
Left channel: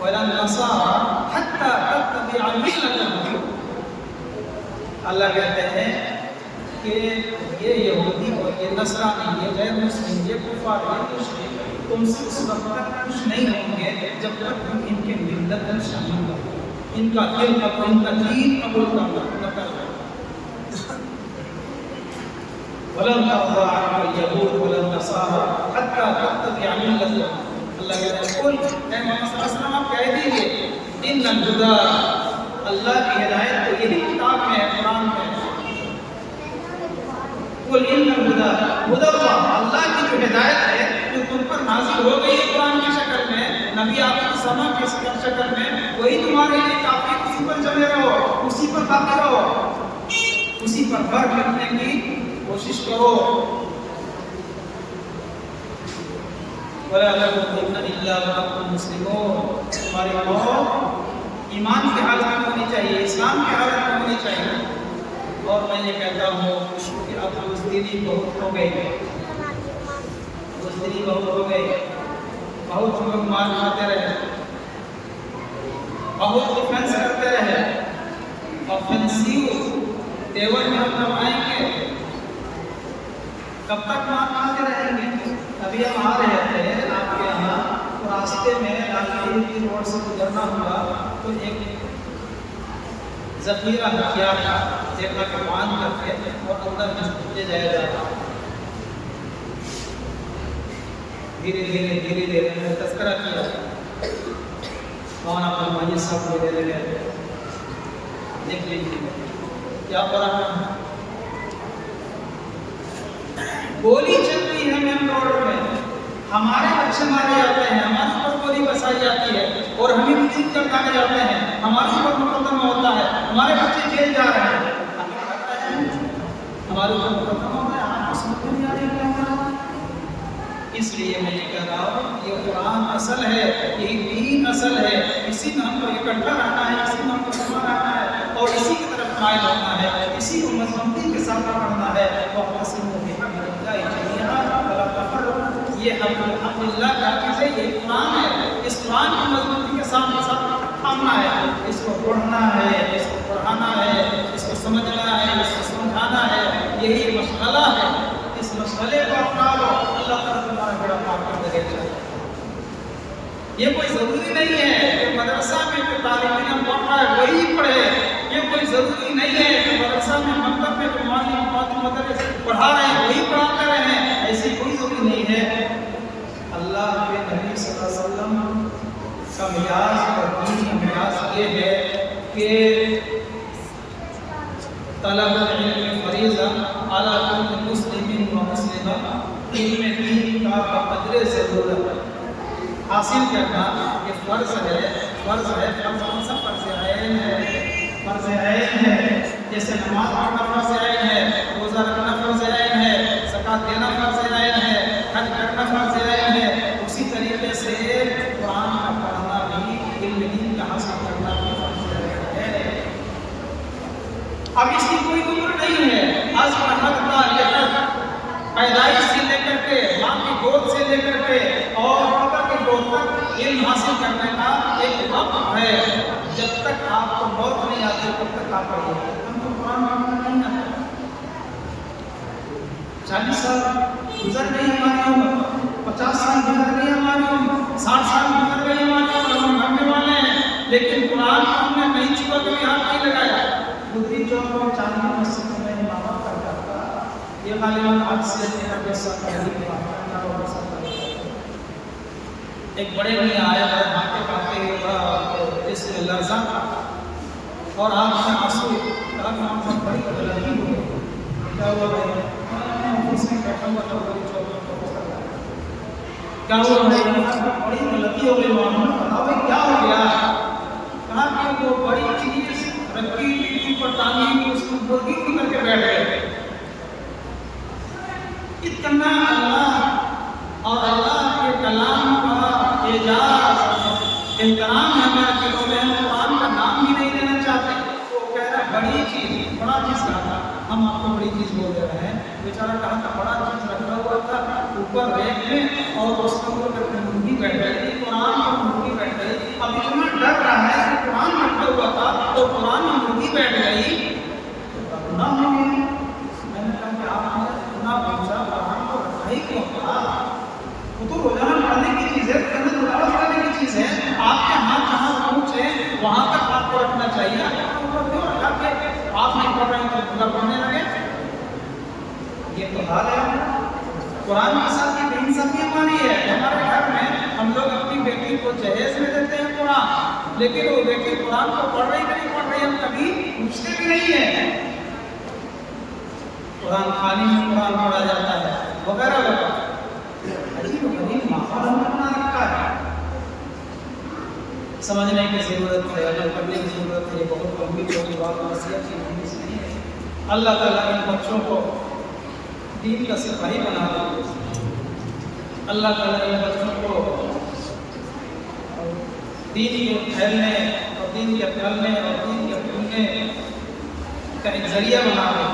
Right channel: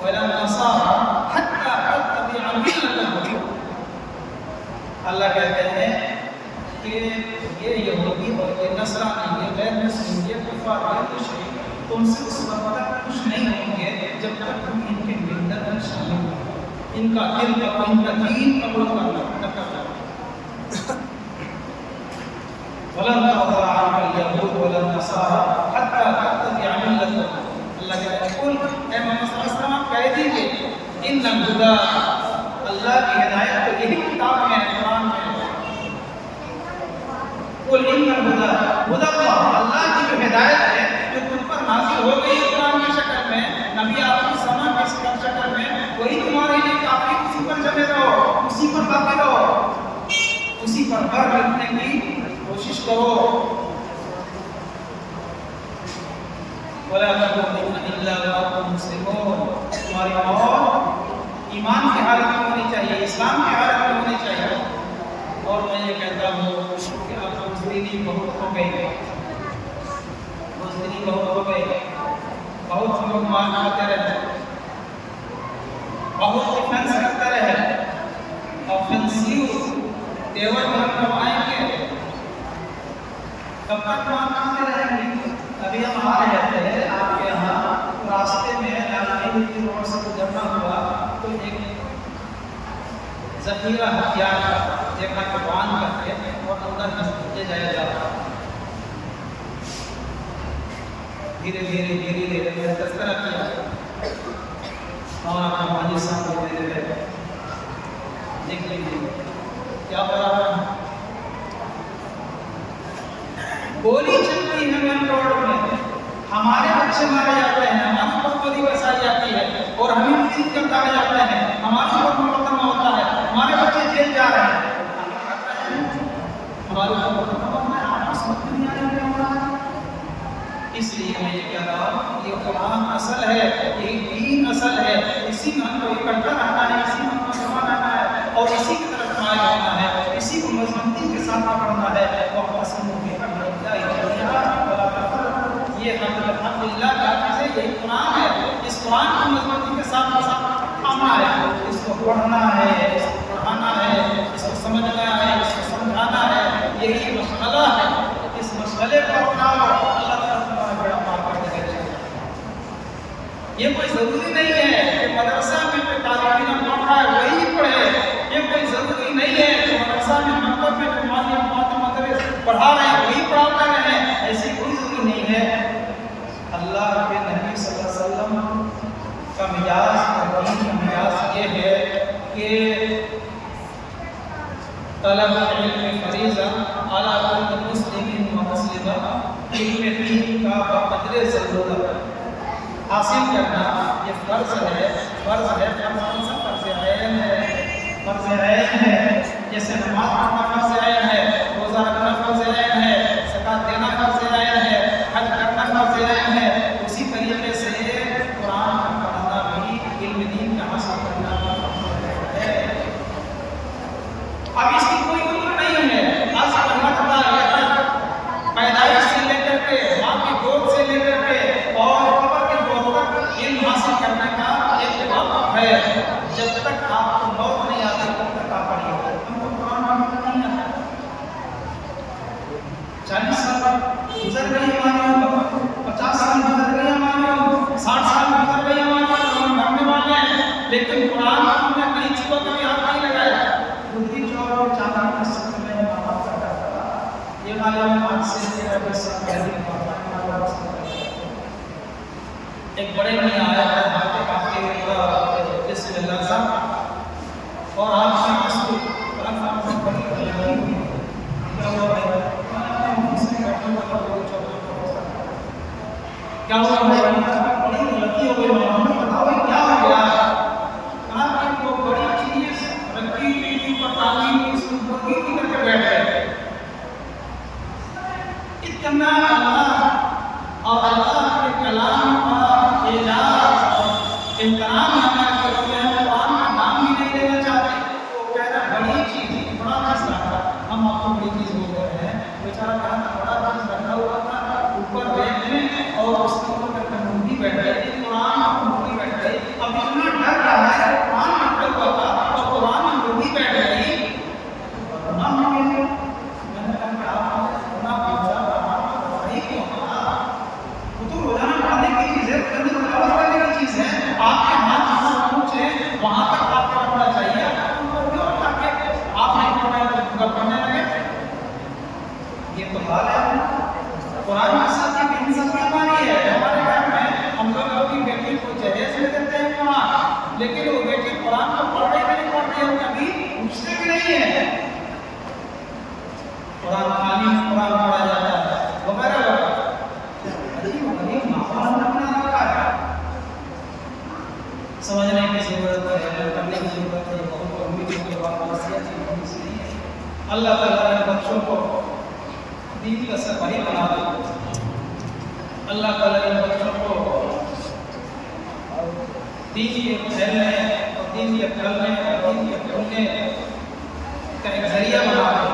वलन नसारा हत्ता तत्तबिअ मिल्लतहुम। अल्लाह कहते हैं कि ये यहूदी और ये नसरानी, ये गैर मुस्लिम, ये कुफार, ये मुशरिक तुमसे उस वक्त तक खुश नहीं होंगे जब तक तुम इनके मिल्लत में शामिल न हो, इनका दिल कबूल, इनका दीन कबूल न कर लो। वलन तर्दा अनकल यहूद वलन नसारा हत्ता तत्तबिअ मिल्लतहुम। अल्लाह कहता है कुल ए मोहम्मद सल्लल्लाहु अलैहि वसल्लम आप कह दीजिए इन्नल हुदा, अल्लाह की हिदायत तो यही किताब में है, कुरान में है। कुल इन्नल हुदा हुदल्लाह, अल्लाह की जो हिदायत है जो तुम पर नाज़िल हो गई है कुरान की शक्ल में, नबी आखिर समा की शक्ल में, वही तुम्हारे लिए काफी। उसी पर जमे रहो, उसी पर बाकी रहो, उसी पर भर मिटने की कोशिश करो। वला तमूतुन्ना इल्ला व अंतुम मुस्लिमून, तुम्हारी मौत ईमान की हालत में होनी चाहिए, इस्लाम की हालत में होनी चाहिए। और मैं ये कहता हूँ कि अब बुज़दिली बहुत हो गई, बुज़दिली बहुत हो गई। बहुत हम लोग मार खाते रहे, बहुत डिफेंस करते रहे, ऑफेंसिव तेवर में हम कमाएंगे, कब तक मार खाते रहेंगे? अभी हम आ रहे थे आपके यहाँ, तो रास्ते में लालगंज रोड से गुजरना हुआ तो एक जखीरा हथियार का देखा कि बांध करके और अंदर ले जाया जा रहा। धीरे धीरे धीरे धीरे मैंने तस्करा किया, मौलाना फरमाइए साहब ले ले देख लीजिए क्या हो रहा है। गोली चलती है मेन रोड में, हमारे बच्चे मारे जाते हैं, हमारे ऊपर गोली बरसाई जाती है और हमें मुजीब कर डाले जाते हैं, हमारे ऊपर मुकदमा होता है, हमारे बच्चे जेल जा रहे हैं, हम ही कर रहे हैं, हमारे ऊपर मुकदमा होता है। आपको समझ में नहीं आ रही क्या हो रहा है? इसलिए मैं ये कह रहा हूँ ये कुरान असल है, यही दीन असल है, इसी में हमको इकट्ठा रहना है, इसी में हमको जमा रहना है और इसी की तरफ माइल होना है, इसी को मजबूती के साथ पकड़ना है। वअतसिमू बिहब्लिल्लाहि जमीअन वला तफर्रक़ू, ये अल्हम्दुलिल्लाह क्या चीज़ है? ये कुरान है। इस कुरान को मजबूती के साथ थामना है, इसको पढ़ना है, इसको पढ़ाना है, इसको समझना है, इसको समझाना है, यही मशगला है। इस मशगले को अपना लो, अल्लाह ताला तुम्हारा बेड़ा पार कर देगा। ये कोई ज़रूरी नहीं है कि मदरसा में जो तालिब इल्म पढ़ रहा है वही पढ़े, ये कोई ज़रूरी नहीं है कि मदरसा में मकतब में जो मदरस पढ़ा रहे हैं वही पढ़ाते रहें, ऐसी कोई ज़रूरी नहीं है। अल्लाह के नबी सल्लल्लाहु अलैहि वसल्लम का मिजाज और दीन का मिजाज ये है कि तलबुल इल्म फरीज़ा अला कुल्लि मुस्लिमिन व मुस्लिमा, इल्म दीन का बक़द्रे ज़रूरत हासिल करना ये फ़र्ज़ है। फ़र्ज़ है, फ़र्ज़ कौन सा? फ़र्ज़ ऐन है, फ़र्ज़ ऐन है। जैसे नमाज पढ़ना फ़र्ज़ ऐन है, रोज़ा रखना फ़र्ज़ ऐन है, ज़कात देना फ़र्ज़ ऐन है, हज करना फ़र्ज़ ऐन है, उसी तरीके से कुरान का पढ़ना भी, इल्म दीन का हासिल करना भी फ़र्ज़ ऐन है। अब इसकी कोई उम्र नहीं है, पैदाइश से लेकर के, माँ की गोद से लेकर के और कब्र के गोद तक इल्म हासिल करने का एक वक्त है। जब तक आपको मौत नहीं आती तब तक आप पढ़िए। हमको कुरान पढ़ना नहीं आता, 40 साल गुजर गई हमारी उम्र, 50 साल गुजर गई हमारी उम्र, 60 साल गुजर गई हमारी उम्र, हम मरने वाले हैं, लेकिन कुरान को हमने कहीं छुआ कभी हाथ नहीं लगाया। गुजरी चौक में चांदनी मस्जिद में इमामत करता था, ये गालिबन आज से 13-20 साल पहले एक बड़े मियाँ आए, बड़े भागते भागते बड़ा जिसमें लर्जा था और आँख में आंसू, बड़ी लगी हुई, क्या हुआ भाई? बैठा हुआ था क्या हुआ भाई? बड़ी लगी हो गई भाई, बताओ भाई क्या हो गया? कहा कि वो बड़ी चीज रखी हुई पर टांगी हुई उसको मुर्गी करके बैठ गए। इतना अल्लाह और अल्लाह के कलाम का एजाज एहतराम हमारे दिलों में है, कुरान का नाम ही नहीं नहीं लेना चाहते, तो कह रहा बड़ी चीज, बड़ा चीज कहा था, हम आपको बड़ी चीज बोल दे रहे हैं। बेचारा कहा था बड़ा चीज रखा हुआ था ऊपर रैक में और उसके ऊपर करके मुर्गी बैठ गई, कुरान में मुर्गी बैठ गई। अब इतना डर रहा है कि कुरान रखा हुआ था और कुरान में मुर्गी बैठ गई तो गुनाह हो गया। मैंने कहा कि आपने गुनाह पूछा, कुरान को रखा ही क्यों था? वो तो रोजाना पढ़ने की चीज है, तिलावत करने की चीज है। आपके हाथ जहाँ पहुँचे वहां तक आपको रखना चाहिए। आपको क्यों रखा कि आप नहीं पढ़ रहे हैं तो पूरा पढ़ने लगे? ये तो हाल है। कुरान के साथ ये बेइंसाफी हमारी है। हमारे घर में हम लोग अपनी बेटी को जहेज में देते हैं कुरान, लेकिन वो बेटी कुरान को पढ़ रही कि नहीं पढ़ रही हम कभी पूछते भी नहीं है। कुरान खाने में कुरान पढ़ा जाता है वगैरह वगैरह। गरीब माहौल हमने बना रखा है। समझने की जरूरत है, अमल करने की जरूरत है। ये बहुत लंबी चौड़ी बात वसीयत नहीं है। अल्लाह ताला इन बच्चों को दीन का सिपाही बना दे। अल्लाह ताला इन बच्चों को दीन के फैलने और दीन के फैलने और दीन के फूलने का एक जरिया बना दे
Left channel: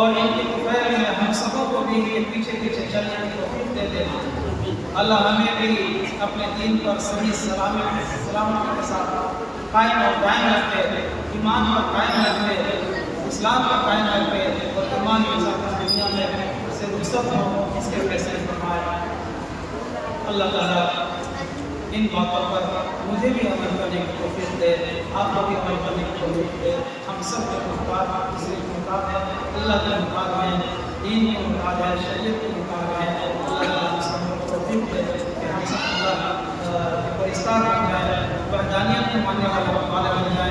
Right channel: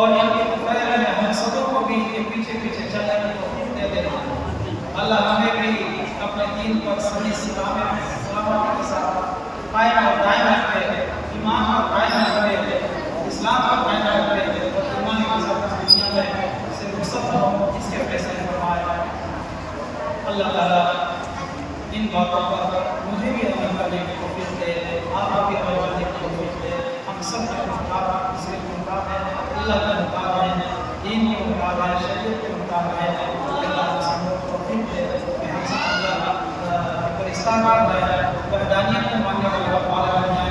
और इनके फैल में हम सबों को भी इनके पीछे पीछे चलने की तौफीक दे दे। अल्लाह हमें भी अपने दीन पर सही सलामती के साथ कायम और कायम रखे, ईमान पर कायम रखे, इस्लाम पर कायम रखे और ईमान के साथ दुनिया में से रुखसत हो इसके फैसले फरमाए। अल्लाह ताला इन बातों पर मुझे भी अमल करने की तौफीक दे, आपको भी अमल करने की तौफीक दे। हम सब के मुहताज दूसरे के मुहताज हैं, अल्लाह के मुहताज हैं, दीन के मुहताज हैं, शरीयत के मुहताज हैं। अल्लाह ताला तौफीक दे कि हम सब अल्लाह के परिस्तार बन जाए, वहदानियत को मानने वाले बन जाए।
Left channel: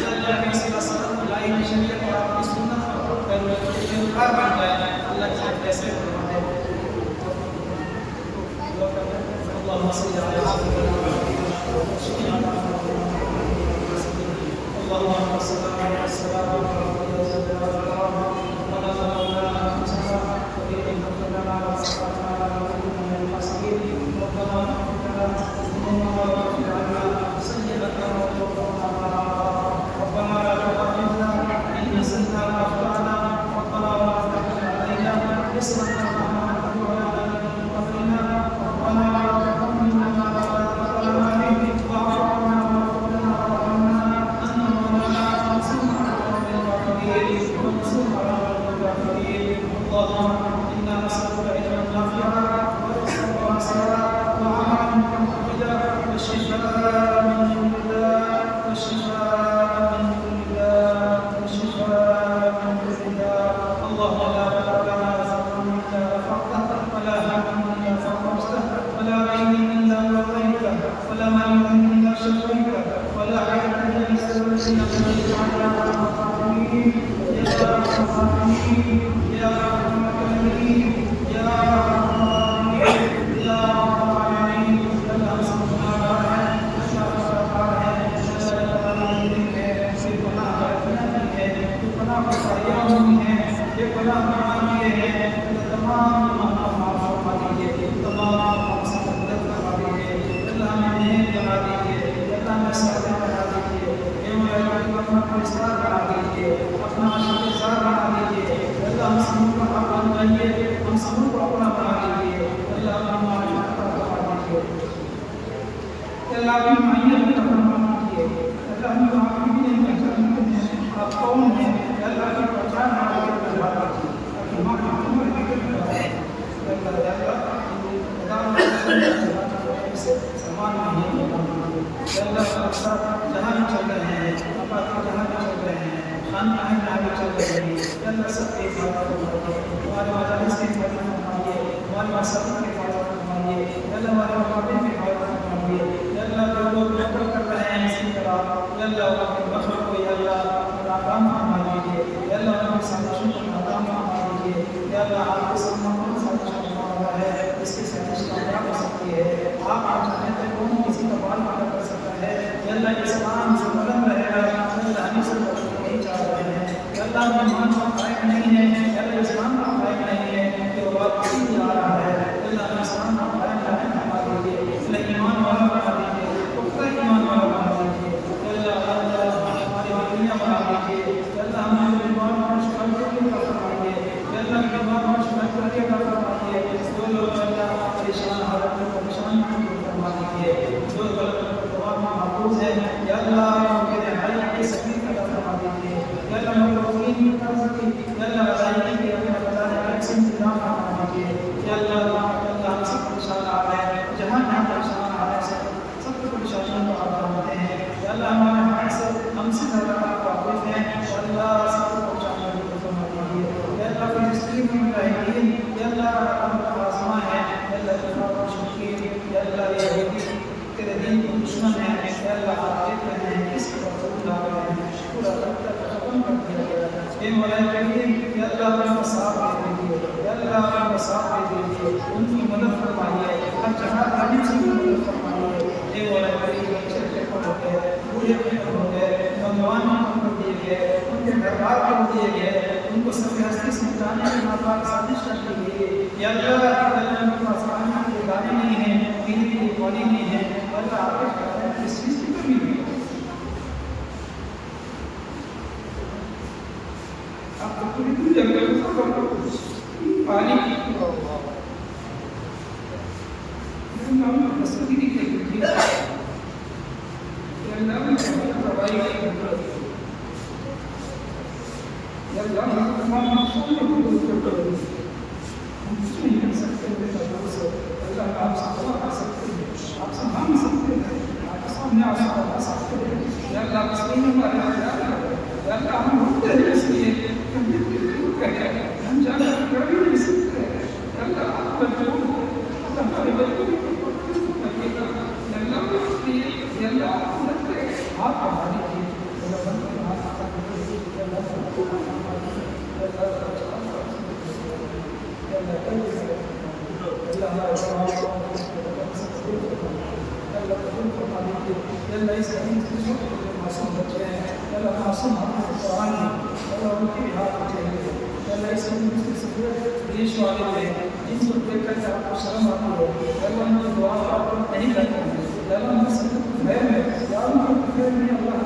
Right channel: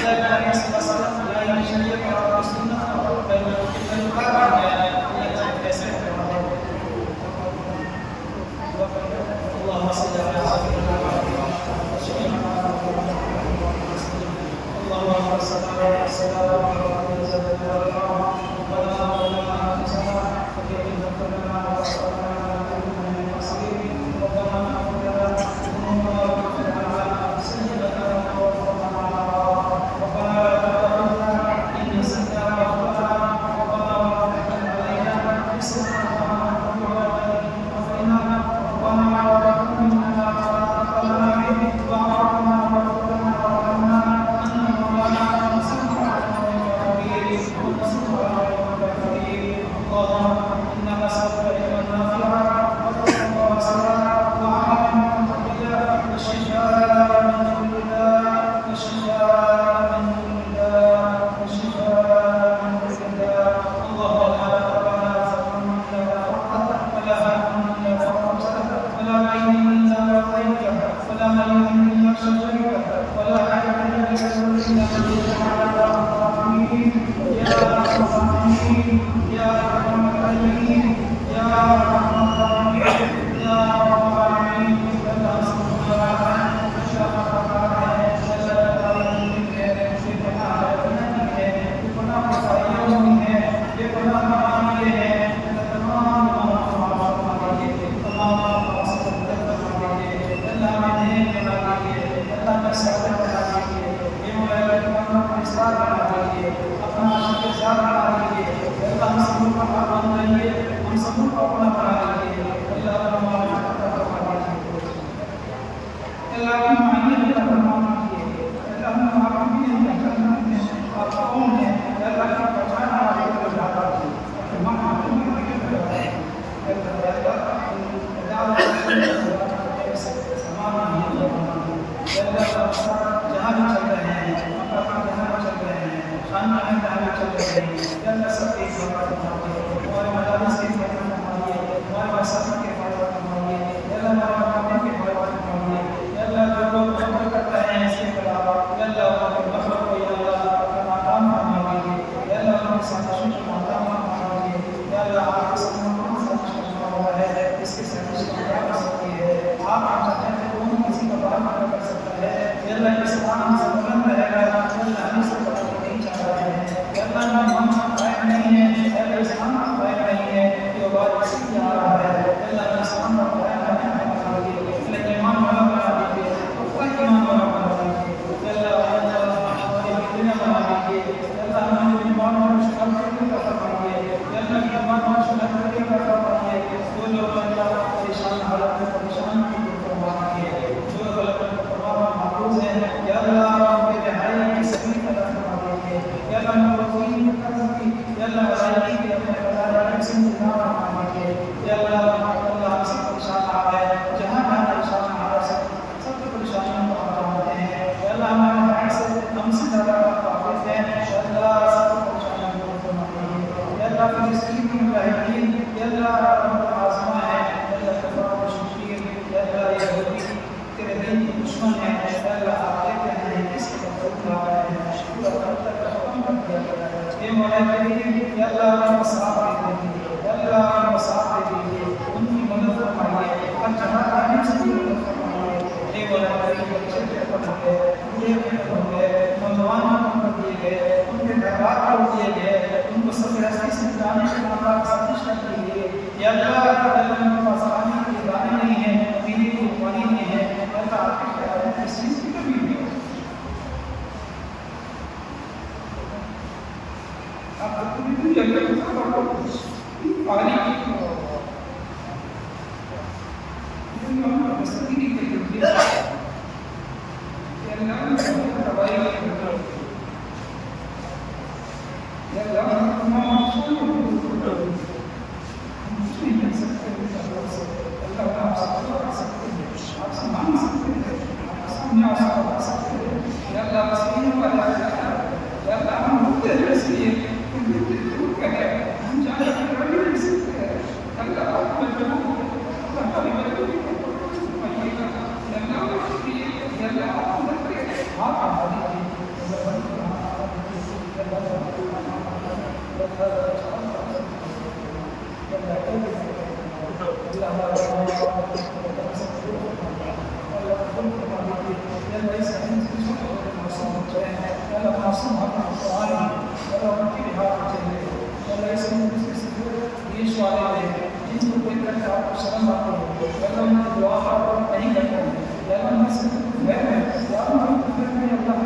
अल्लाह के नबी सल्लल्लाहु अलैहि वसल्लम शरीयत और अपनी सुन्नत का पैरोकार बन जाए। अल्लाह के फैसले फरमा दे। اللهم صل على سيدنا محمد اللهم صل على ربنا لا تؤاخذنا إن نسينا أو أخطأنا ربنا ولا تحمل علينا إصرا كما حملته على الذين من قبلنا ربنا ولا تحملنا ما لا طاقة لنا به واعف عنا واغفر لنا وارحمنا أنت مولانا وانصرنا على القوم الكافرين وانصرنا على القوم الكافرين. اللهم إنا نسألك علما نافعا ورزقا واسعا وعملا متقبلا وشفاء من كل داء وشفاء من كل داء وشفاء من كل داء. اللهم لا تدع لنا ذنبا إلا غفرته ولا هما إلا فرجته ولا دينا إلا قضيته ولا مريضا إلا شفيته ولا حاجة إلا قضيتها يا أرحم الراحمين يا أرحم الراحمين يا أرحم الراحمين يا أرحم الراحمين يا رب العالمين. अल्लाह सुब्हानहू व तआला अल्लाह खबरदार है, अल्लाह खबरदार है, बेपनाह बरकत की है, बेपनाह खुदाइयाँ हुई है, बेपनाह मरामिये है। अल्लाह तमाम गुनाहों को माफ़ फरमा दीजिए, तमाम पापों से मदद फरमा दीजिए। अल्लाह में नेक बना दीजिए, अल्लाह में सअदत बना दीजिए, ये मुलाक़ात अपना परिस्तार बना दीजिए, अपना आशिक़-ए-ज़ात बना दीजिए। अल्लाह हम सबों का हक़ बन जाइए, हम सबों को अपना बना दीजिए। अल्लाह अपनी माफ़ फरमा दीजिए, अल्लाह की मायने अता फरमा दीजिए। अल्लाह हम आपको भी नहीं पहचानते हैं, आप कौन हैं? अल्लाह की पहचान हमारे लिए बना दीजिए, अपनी माफ़ फरमा दीजिए। समान नहीं जहाँ भी चल रहे हैं, जहाँ भी चल रहे हैं, खान पहन जहाँ भी चल रहे हैं, अल्लाह सबके हिफाजत फरमाइए, हमारे मदारिस की हिफाजत फरमाइए, हमारे मसाजिद की हिफाजत फरमाइए, अल्लाह हमारे मकाम की हिफाजत फरमाइए। अल्लाह जो लोग नौकरी कर रहे हैं इसके खिलाफ अल्लाह उनके मतलब को अल्लाह नाकाम फरमा दीजिए, अल्लाह उनकी साजिशों को नाकाम फरमा दीजिए। अल्लाह आपके सामने कौन साजिश करना हुआ है, इसके साजिश कामयाब हो सकती है। आप चाहें तो कौन किसी का बाल पूरा कर सकता है। अल्लाह इस्लाम से बुलंद रहेगा, अल्लाह हम सब नहीं चाह रहे हैं। अल्लाह ईमान पर कायम नहीं है, अल्लाह इस्लाम पर कायम नहीं है, ये बात ठीक आ रहा है। अल्लाह इस्लाम पर कायम फरमा दीजिए, अल्लाह ईमान वाला बना दीजिए, पुख्ता ईमान वाला बना दीजिए। अल्लाह महफूज हैं। या अल्लाह उनके रिहाई के सभी अता फरमा दीजिए। या अल्लाह मखलूकीन के कर्ज की, या अल्लाह अदायगी की अपने बताने अलग से इंतजाम फरमा दीजिए। या अल्लाह हम सब परेशान आ रहे हैं, जहाँ जहाँ परेशान आ रहे हैं सबकी परेशानियों को आप जानते हैं। या अल्लाह हमारे हमसे ज़्यादा आप वाकिफ़ हैं। या अल्लाह सबकी परेशानियों को फरमा दीजिए। या अल्लाह फ़िलिस्तीन में मुजाहिदीन, या अल्लाह आज़मा है, या अल्लाह तबार मुशरिकीन, या अल्लाह यहूदी तेरे दीन के दुश्मन हैं। या अल्लाह आप देख रहे हैं किस कदर उठा रहे हैं, पूरा खतरा खत्म कर दिया गया है। हे मौला करीम, या अल्लाह उनका साथ दे दीजिए। या अल्लाह उनका साथ दे दीजिए, उनकी मदद फरमाइए, हर जगह तालीम से मदद फरमाइए। हे मौला करीम, बच्चे खत्म हो गए, बूढ़े खत्म हो गए, नौजवान खत्म कर दिए गए, उनके घर बार कर दिए गए, उनको सफ़े हस्ती से मिटाने की नापाक साजिश कर दी गई। या अल्लाह उनके पास पानी के लिए दाने नहीं हैं, पीने के लिए पानी नहीं है। या अल्लाह आपके प्यारे में इस चीज़ की कमी हुई है। आप तो पूरी दुनिया के लोग पानी तस्वीर के लिए दवाई तमाम मकसूद हम कुछ नहीं कर सकते। अल्लाह आपसे दुआ कर सकते हैं, आपसे मांग सकते हैं, आपके सामने आंसू बहा सकते हैं। या अल्लाह मसलीन हमारे या अल्लाह हम होते हैं इसलिए हम जितने दूर करें हम जाने कर भी नहीं सकते। अल्लाह आप बच्चों हमारे बच्चों की कहिएगा। अल्लाह इसलिए अल्लाह आप बढ़ा दीजिए। मासूम कुरान उनकी भी हाथ चाहिए। देश वाले हैं जिनको देख कर आपको शर्म आती है, उनकी दुआ आप नहीं करते हैं। उनकी सब खैर है या उनके खैर में अल्लाह